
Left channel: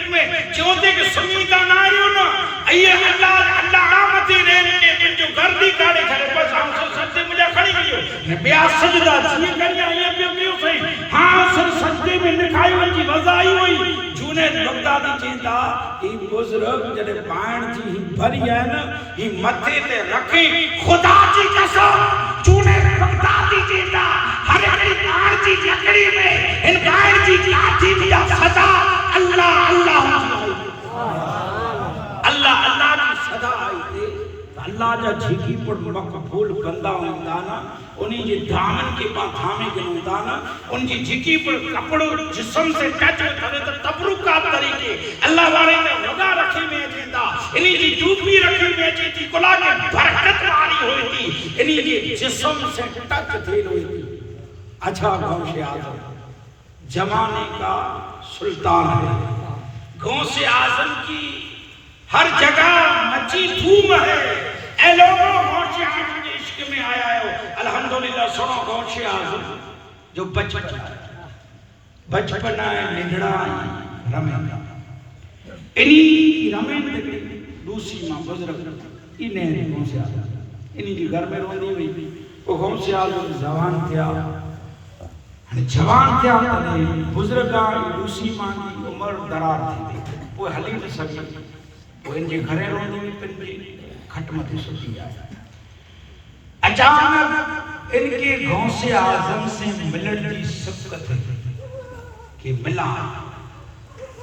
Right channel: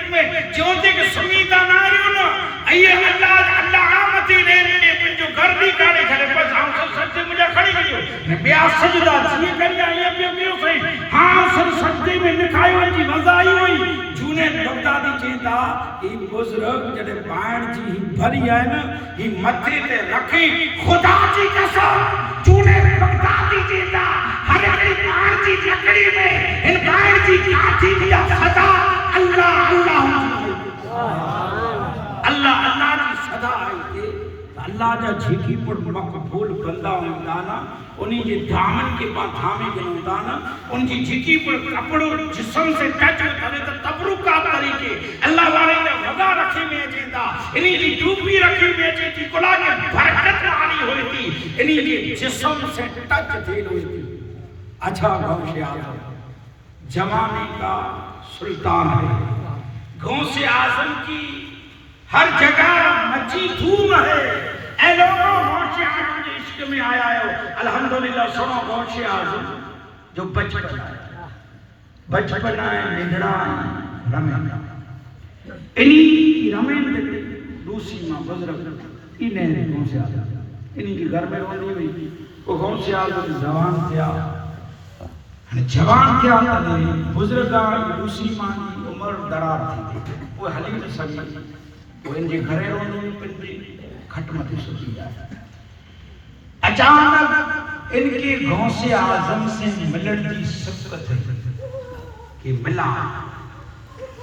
میں چونتے کہ سمیتا نہ رہی ہو نا یہ اللہ آمتی رہنے پر جو گردی کھڑے کھڑے بس آؤں سر سجدے مجھے کھڑی بھی ہو بیا سجدہ چیئے کریا یہ بھی ہوتی ہو صحیح ہاں سر سجدے میں نکھائی ہوئی جی وضائی ہوئی جنید بغدادی چیتا یہ بزرگ جڑے بائن جی ہی بھری ہے نا یہ متھے تے رکھی خدا جی قسم جنید بغدادی چیتا ہر ایک بائن جی لکڑی میں ان بائن جی لاٹھی دیا صدا اللہ اللہ اللہ اللہ کی صدا آئی تھی اللہ جا جھکی پر مقبول بندہ ہوندا نا انہی جی دامن کے پاس تھامے گنودا نا ان جی جھکی پر کپڑو جسم سے ٹچ کرے تو تبرکات طریقے اللہ والے نے وگا رکھے میں جیندا انہی جی ٹوپی رکھے میں جی کلا کے برکت والی ہوئی تھی انہی جی جسم سے ٹچ تھی ہوئی تھی. اچھا غوث اعظم زمانے کا سلطان ہے. غوث اعظم کی ہر جگہ مچی دھوم ہے. اے لوگوں غوث اعظم کے عشق میں آیا ہو الحمدللہ. سنو غوث اعظم جو بچپن ہے نگڑا رمین انہی رمین دوسری ماں بزرگ انہیں غوث اعظم انہی جی گھر میں روندی ہوئی وہ غوث اعظم جوان تھیا تلے بزرگان دوسری ماں کی عمر درار تھی وہ حلی نہ سکی وہ ان کے گھرے روندی ہوئی پنجی کھٹمتی سکی آیا. اچانک ان کے غوث اعظم سے ملن کی سبقت کہ ملا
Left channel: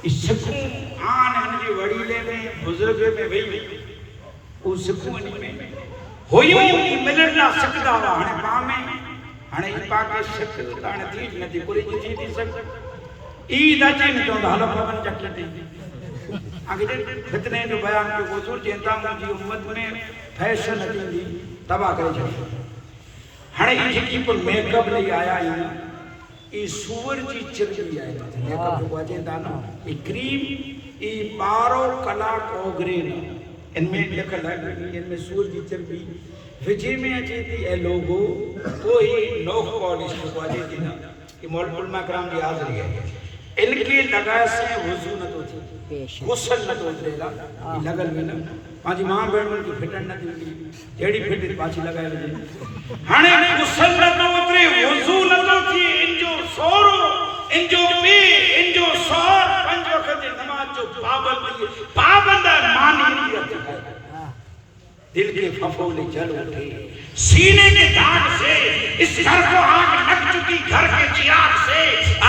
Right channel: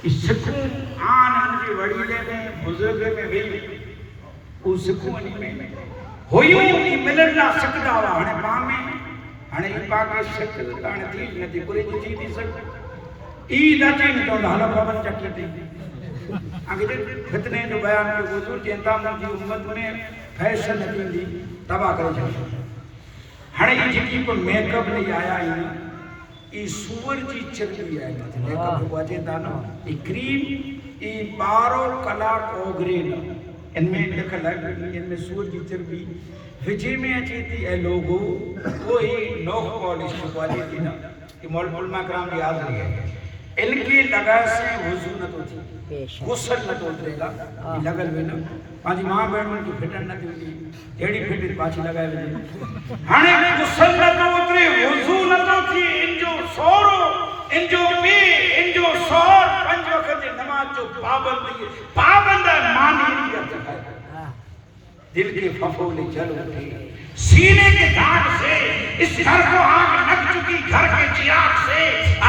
اس سکوں آن ان کی وڑیلے میں بزرگ میں بھی وہ سکوں ان میں ہوئیوں کی ملن لا سکتا ہوا ہنے ماں میں ہنے پاکے سکت تانے تیج نتی پوری جی تھی سکت عید اچین تو حالو پابن چکی تھی. آگے فتنے جو بیان کے حضور چینتا مجھے امت میں فیشن اچین دی تباہ کرے جائے ہنے یہ جکی پر میک اپ لے آیا ہی ای سور جی چرچی آئی میک اپ کو آجے دانا ای کریم ای بارو کلا کوگرین ان میں لکھل ہے ان میں سور جی چرچی وجہ میں اچھی تھی اے لوگو وہی نوخ پالیش کو آجے تھی نا کہ مولد علماء کرام دی آزری ہے ان کی لگا سے وضو نہ تو تھی غسل نہ تو اترے گا لگل میں نا پانچی ماں بیڑوں کی پھٹن نہ تھی جیڑی پھٹی پانچی لگائے لگے ہنے غسل نہ تو اترے وضو نہ تو تھی ان جو سورو ان جو پی ان جو سور پنج وقت نماز جو پابند ہے مانی کی اتفاق دل کے پھپھولے جل اٹھے سینے کے داغ سے اس گھر کو آگ لگ چکی گھر کے چراغ سے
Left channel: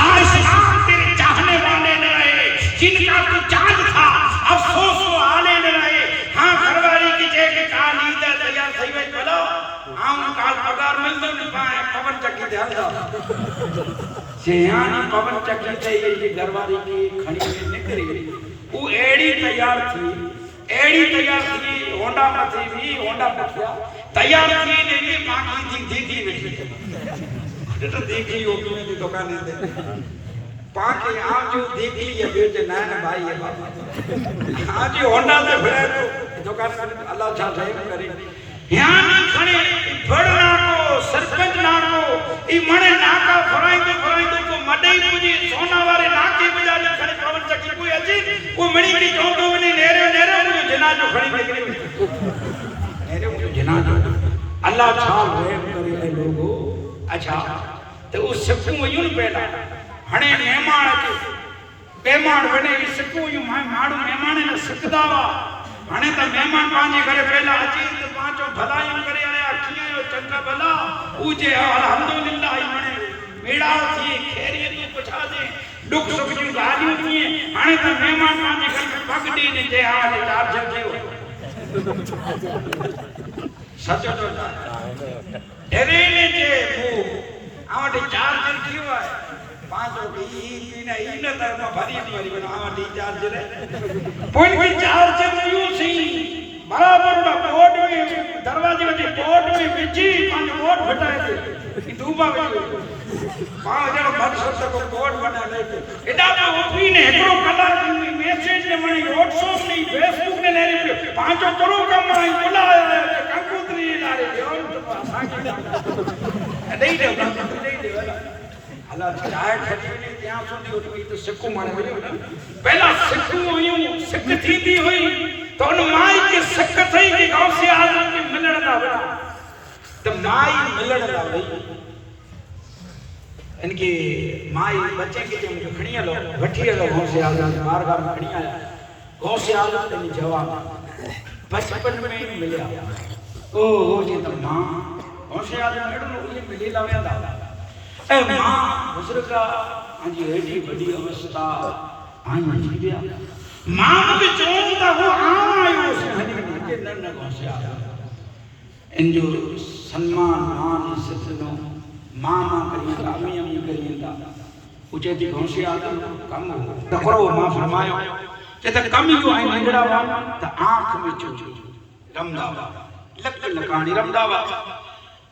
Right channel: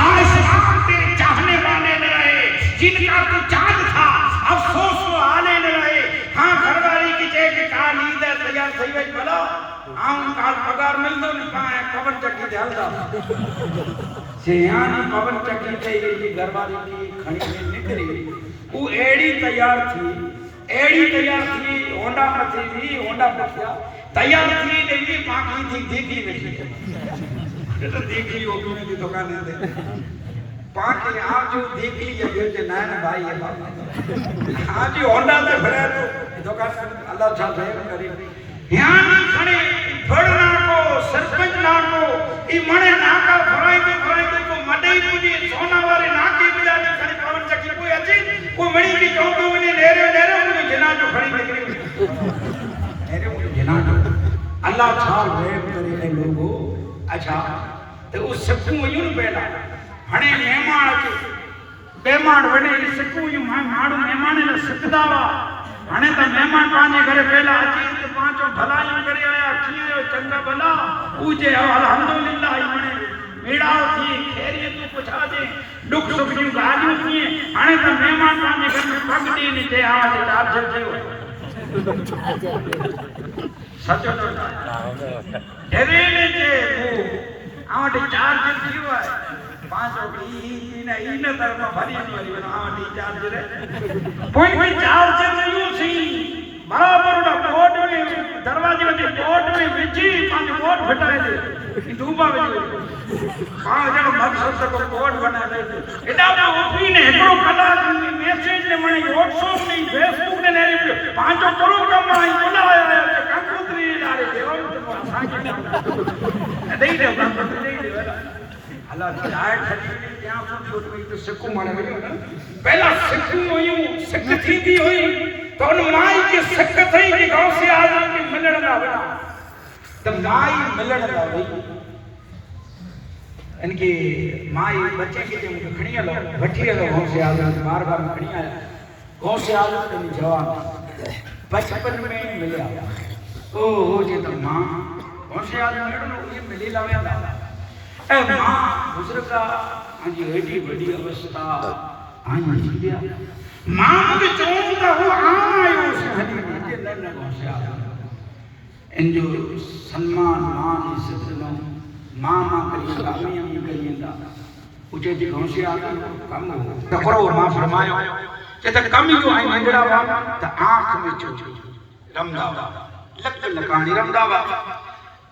آسمان تیرے چاہنے والے نہ رہے جن کا تو چاند تھا افسوس و آلے نہ رہے. ہاں گھر والی کی جے کے کہا نیند ہے تیار تھی وئی بلو آن کال پگار مل دو نہیں پائے پون چکی دے ہل دا سیانی پون چکی دے یہ گھر والی کی کھڑی میں نکری وہ ایڑی تیار تھی ہونڈا پتھی بھی ہونڈا پتھیا تیار تھی نے بھی ماں کی دیکھی نہیں تو دیکھی ہوگی میں کی دکانے دے پاکی آپ جو دیکھی یہ بیٹے نائن بھائی ہے بابا آج جو ہونڈا سے بھرے تو دکان اللہ چھا ظاہر کرے یہاں کھڑے بڑنا کو سرپنچ نا کو ای منے ناکا فرائدے کو مڈائی مجھے سونا والے ناکے بجا لے کھڑے پون چکی کوئی اچھی کوئی مڑی کی چوندو منی نیرے مجھے جناجو کھڑی نکلی نیرے مجھے جناجو اللہ چھال ریب کرے لوگو. اچھا تو اس سکوں یوں پیدا ہنے مہمان اچھے مہمان ونے سکوں یوں ماڑو مہمانے نہ سکتا وا ہنے تو مہمان پانچے گھرے پہلا اچھی تو پانچوں بھلائیں کرے آیا کیے ہو چنگا بھلا اوجے الحمدللہ میڑاؤ تھی خیریتوں پچھا دے دکھ سکھ جو گالیوں تھی ہنے تو مہمان پانچے گھر میں پگ دی نہیں تے آوازے چار جھر کیوں سچو تو ایوینے جے وہ آوازے چار جھر کیوں ہے پانچوں کی اینا درمہ بھری بنا آوازے چار جھر ہے پوئن کی چار جھر نہیں سی برابر بورڈ میں دروازے وچ بورڈ میں وچی پانچ بورڈ پھٹائے تھے دوبا وچ پانچ جڑو مقصد کو بورڈ بنائے تھے اڈا تو اٹھی نے ہکڑو کلا میسج نے منی واٹس ایپ نے فیس بک نے لے پانچوں کرو کم آئی بولا ہے کہ کمپیوٹر لا رہے اور سائیں نہیں دے اللہ چاہے کھڑی کیا سنی ہوئی تو سکو مانے پہلا سکو ہوئی سکتی تھی ہوئی تو ان مائی کی سکت ہے کہ غوث اعظم کی ملن دا ہوئی تو مائی ملن دا ہوئی ان کی مائی بچے کی جب کھڑی ہے لوگ بٹھی ہے لوگ غوث اعظم بارگاہ میں کھڑی ہے غوث اعظم نے جواب بچپن میں ملیا او جی تو ماں غوث اعظم نے یہ ملی لاویا دا اے ماں بزرگا آنجی ایڈی بڑی اوستا آنجی جی بیا ماں بھی چونتا ہو آئے اس حدیث کے نرن غوث اعظم ان جو سنمان مان عزت نو ماں کریے تا امی امی کریے تا اچے تھی گھوسے آدم کم ہو تقرو ماں فرمایا کہ تا کم جو آئی نگڑا وا تا آنکھ میں چو رمدا وا لک لکانی رمدا وا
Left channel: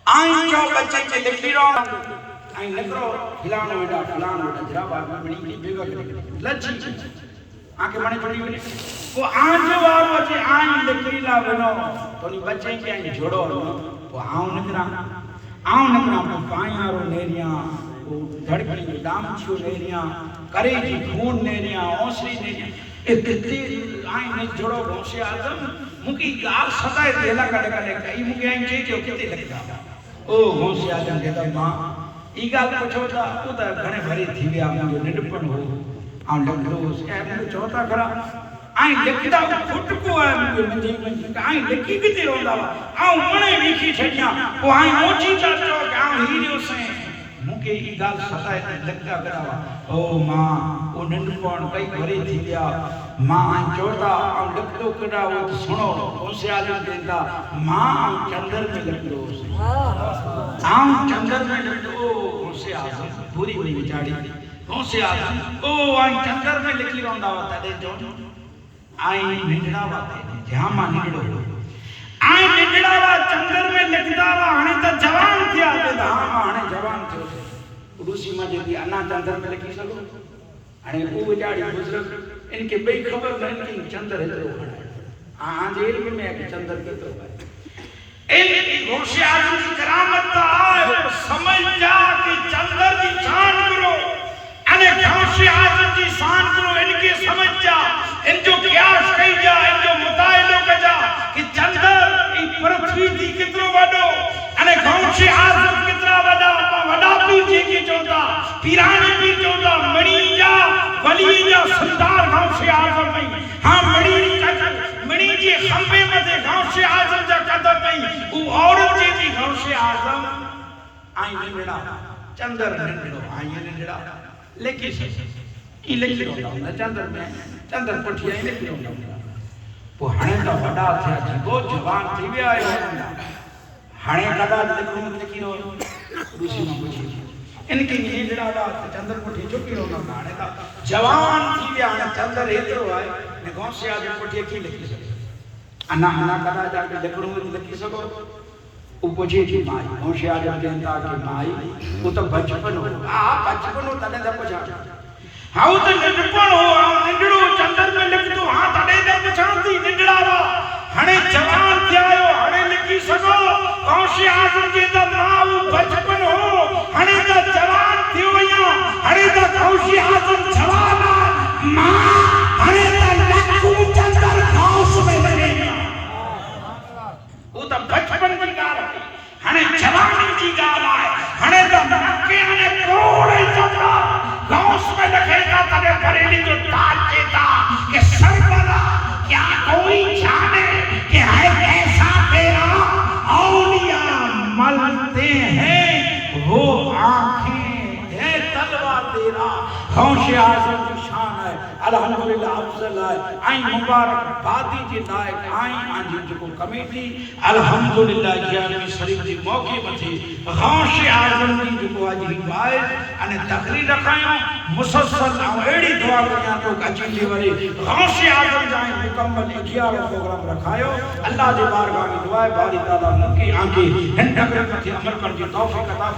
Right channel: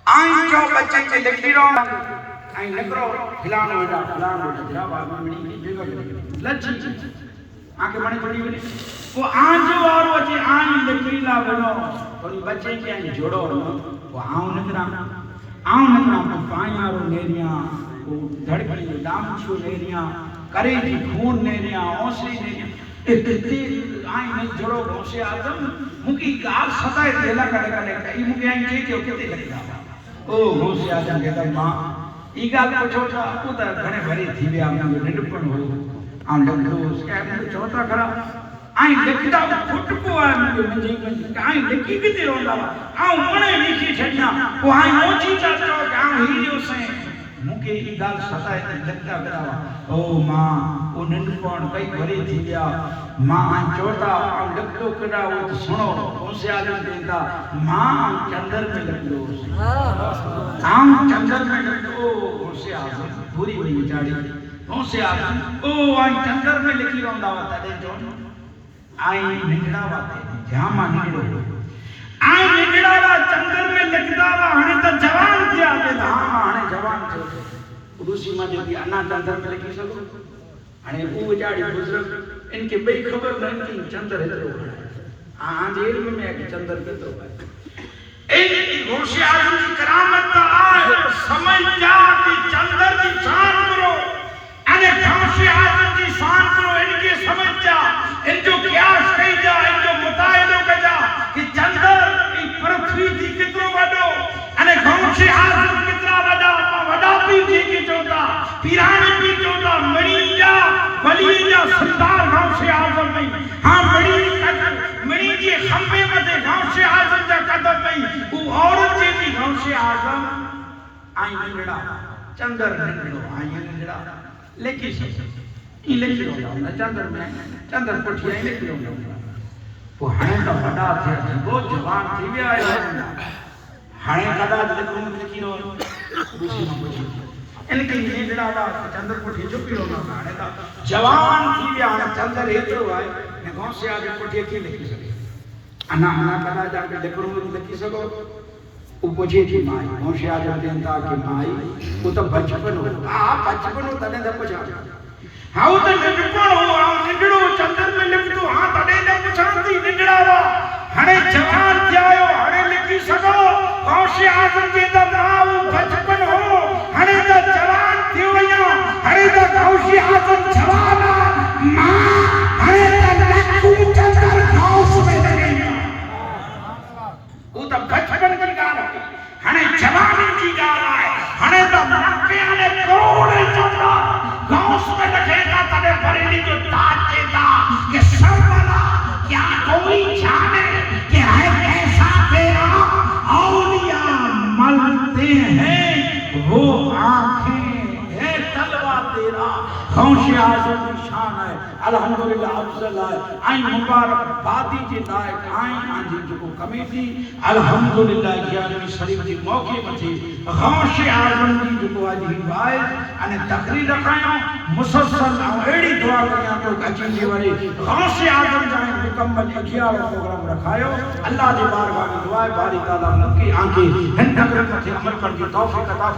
آئیں جو بچے کے لکھی رو آئیں نکرو فلانو جرا وا منی بیگا لچی آنکھ منی پڑی ونی وہ آن جو وارو اچے آئیں لکھی لا ونو تو نی بچے کے آئیں جوڑو وہ آؤں نکرا پر پائیاں رو نیریاں دھڑکی دامچو نیریاں کرے جی خون نیریاں اوسری نیریاں اتتی آئیں نے جڑو غوث اعظم مکی گال سدائے دیلا کڑے کئی مکی آئیں چیئے جو کتے لگتا او غوث اعظم کہتا ماں ای گال پچھو تھا او تا گھنے بھری تھی بیا میں جو نڈپن ہو آن لگلوس کہ میں چوتا کھڑا آئیں لکھتا پھٹ کو آئے مجھے منجی آئیں لکھی کتے روندا آؤں منے لکھی چھڑیاں وہ آئیں نوچی تا چوک آؤں ہیریو سے مکے ای گال سدائے لگتا کراوا او ماں او ننڈپن کئی بھری تھی بیا ماں آن چوتا آن لکھتو کڑا وہ سنو غوث اعظم دیتا ماں آن چندر میں لکھلوس آن چندر میں لکھلو غوث اعظم پوری ہوئی بچاڑی غوث اعظم او آن چندر میں لکھی روندا وطا دے جون آئیں نگڑا واتے جہاں نگڑو آئیں نگڑا وا چندر میں لکھدا وا ہنے تا جوان تھیا تے ہاں ہنے جوان تھو روسی ما جے انا چندر میں لکھی سکو ہنے او وچاڑی بزرگ ان کے بے خبر نہ ان چندر ہترو ہاں دیر میں کہ چندر کترو ہے ان غوث اعظم کی کرامت تا آئے سمجھ جا کہ چندر کی شان کرو انے غوث اعظم کی شان کرو ان کی سمجھ جا ان جو قیاس کئی جا ان جو مطالعہ کجا کہ چندر ای پرتھوی تھی کترو وڈو انے غوث اعظم کترا وڈا پیر جی کی چوتا پیرانے پیر چوتا مڑی جا ولی جا سردار غوث اعظم نہیں ہاں مڑی جی خمبے مدے غوث اعظم جا قدم نہیں او عورت جی تھی غوث اعظم آئیں نگڑا چندر نگڑو آئیں نگڑا لیکن ای لکھی رہا ہوں چندر میں چندر پٹھی آئیں لکھی رہا ہوں وہ ہنے کا بڑا تھیا جی وہ جوان تھی گیا ہے ہنے کدا لکھی رہا ہوں روسی میں پوچھی ان کی نہیں بڑا دا چندر پٹھی چپی رہا ہوں ہنے کا جوان تھی گیا ہنے چندر ایک رو ہے غوث اعظم پٹھی کی لکھی سکو انا کدا جا کے لکھی سکو وہ پوچھے تھی مائی غوث اعظم دیتا کہ مائی وہ تو بچپن ہو بچپن ہو تنے دا پوچھا ہاں تو نڈپن ہو نڈڑو چندر میں لکھتو ہاں تنے دا پچھانتی نڈڑا وا ہنے جوان تیاؤ ہنے لکھی سکو غوث اعظم دیتا ماں بچپن ہو ہنے دا جوان تیویا ہنے دا غوث اعظم جوانا ماں ہنے دا لکھو چندر غوث میں لگے وہ تا بچپن کی گال ہے ہنے جوانی کی گال ہے ہنے دا مکے ہنے کروڑے چندر غوث میں لکھے گا تنے بریلی جو تاج دیتا کہ سربلا کیا کوئی جانے کہ ہے کیسا تیرا اولیاء ملتے ہیں وہ آنکھیں ہے تلوہ تیرا غوث اعظم کی شان ہے الحمدللہ افضل ہے آئیں مبارک بادی جی لائق آئیں آنجی جو کمیٹی الحمدللہ جانوی شریف جی موقع بچی غوث اعظم کی جو آج ہی باعث انہیں تقریر رکھائیں مسلسل ایڑی دعا کرنا تو اچھی دیوری غوث اعظم جائیں مکمل 11 پروگرام رکھائیں اللہ دی بارگاہ میں دعائے باری تعالیٰ مکی آنکھی ہن تقریر مجھے عمل کر دی توفیق عطا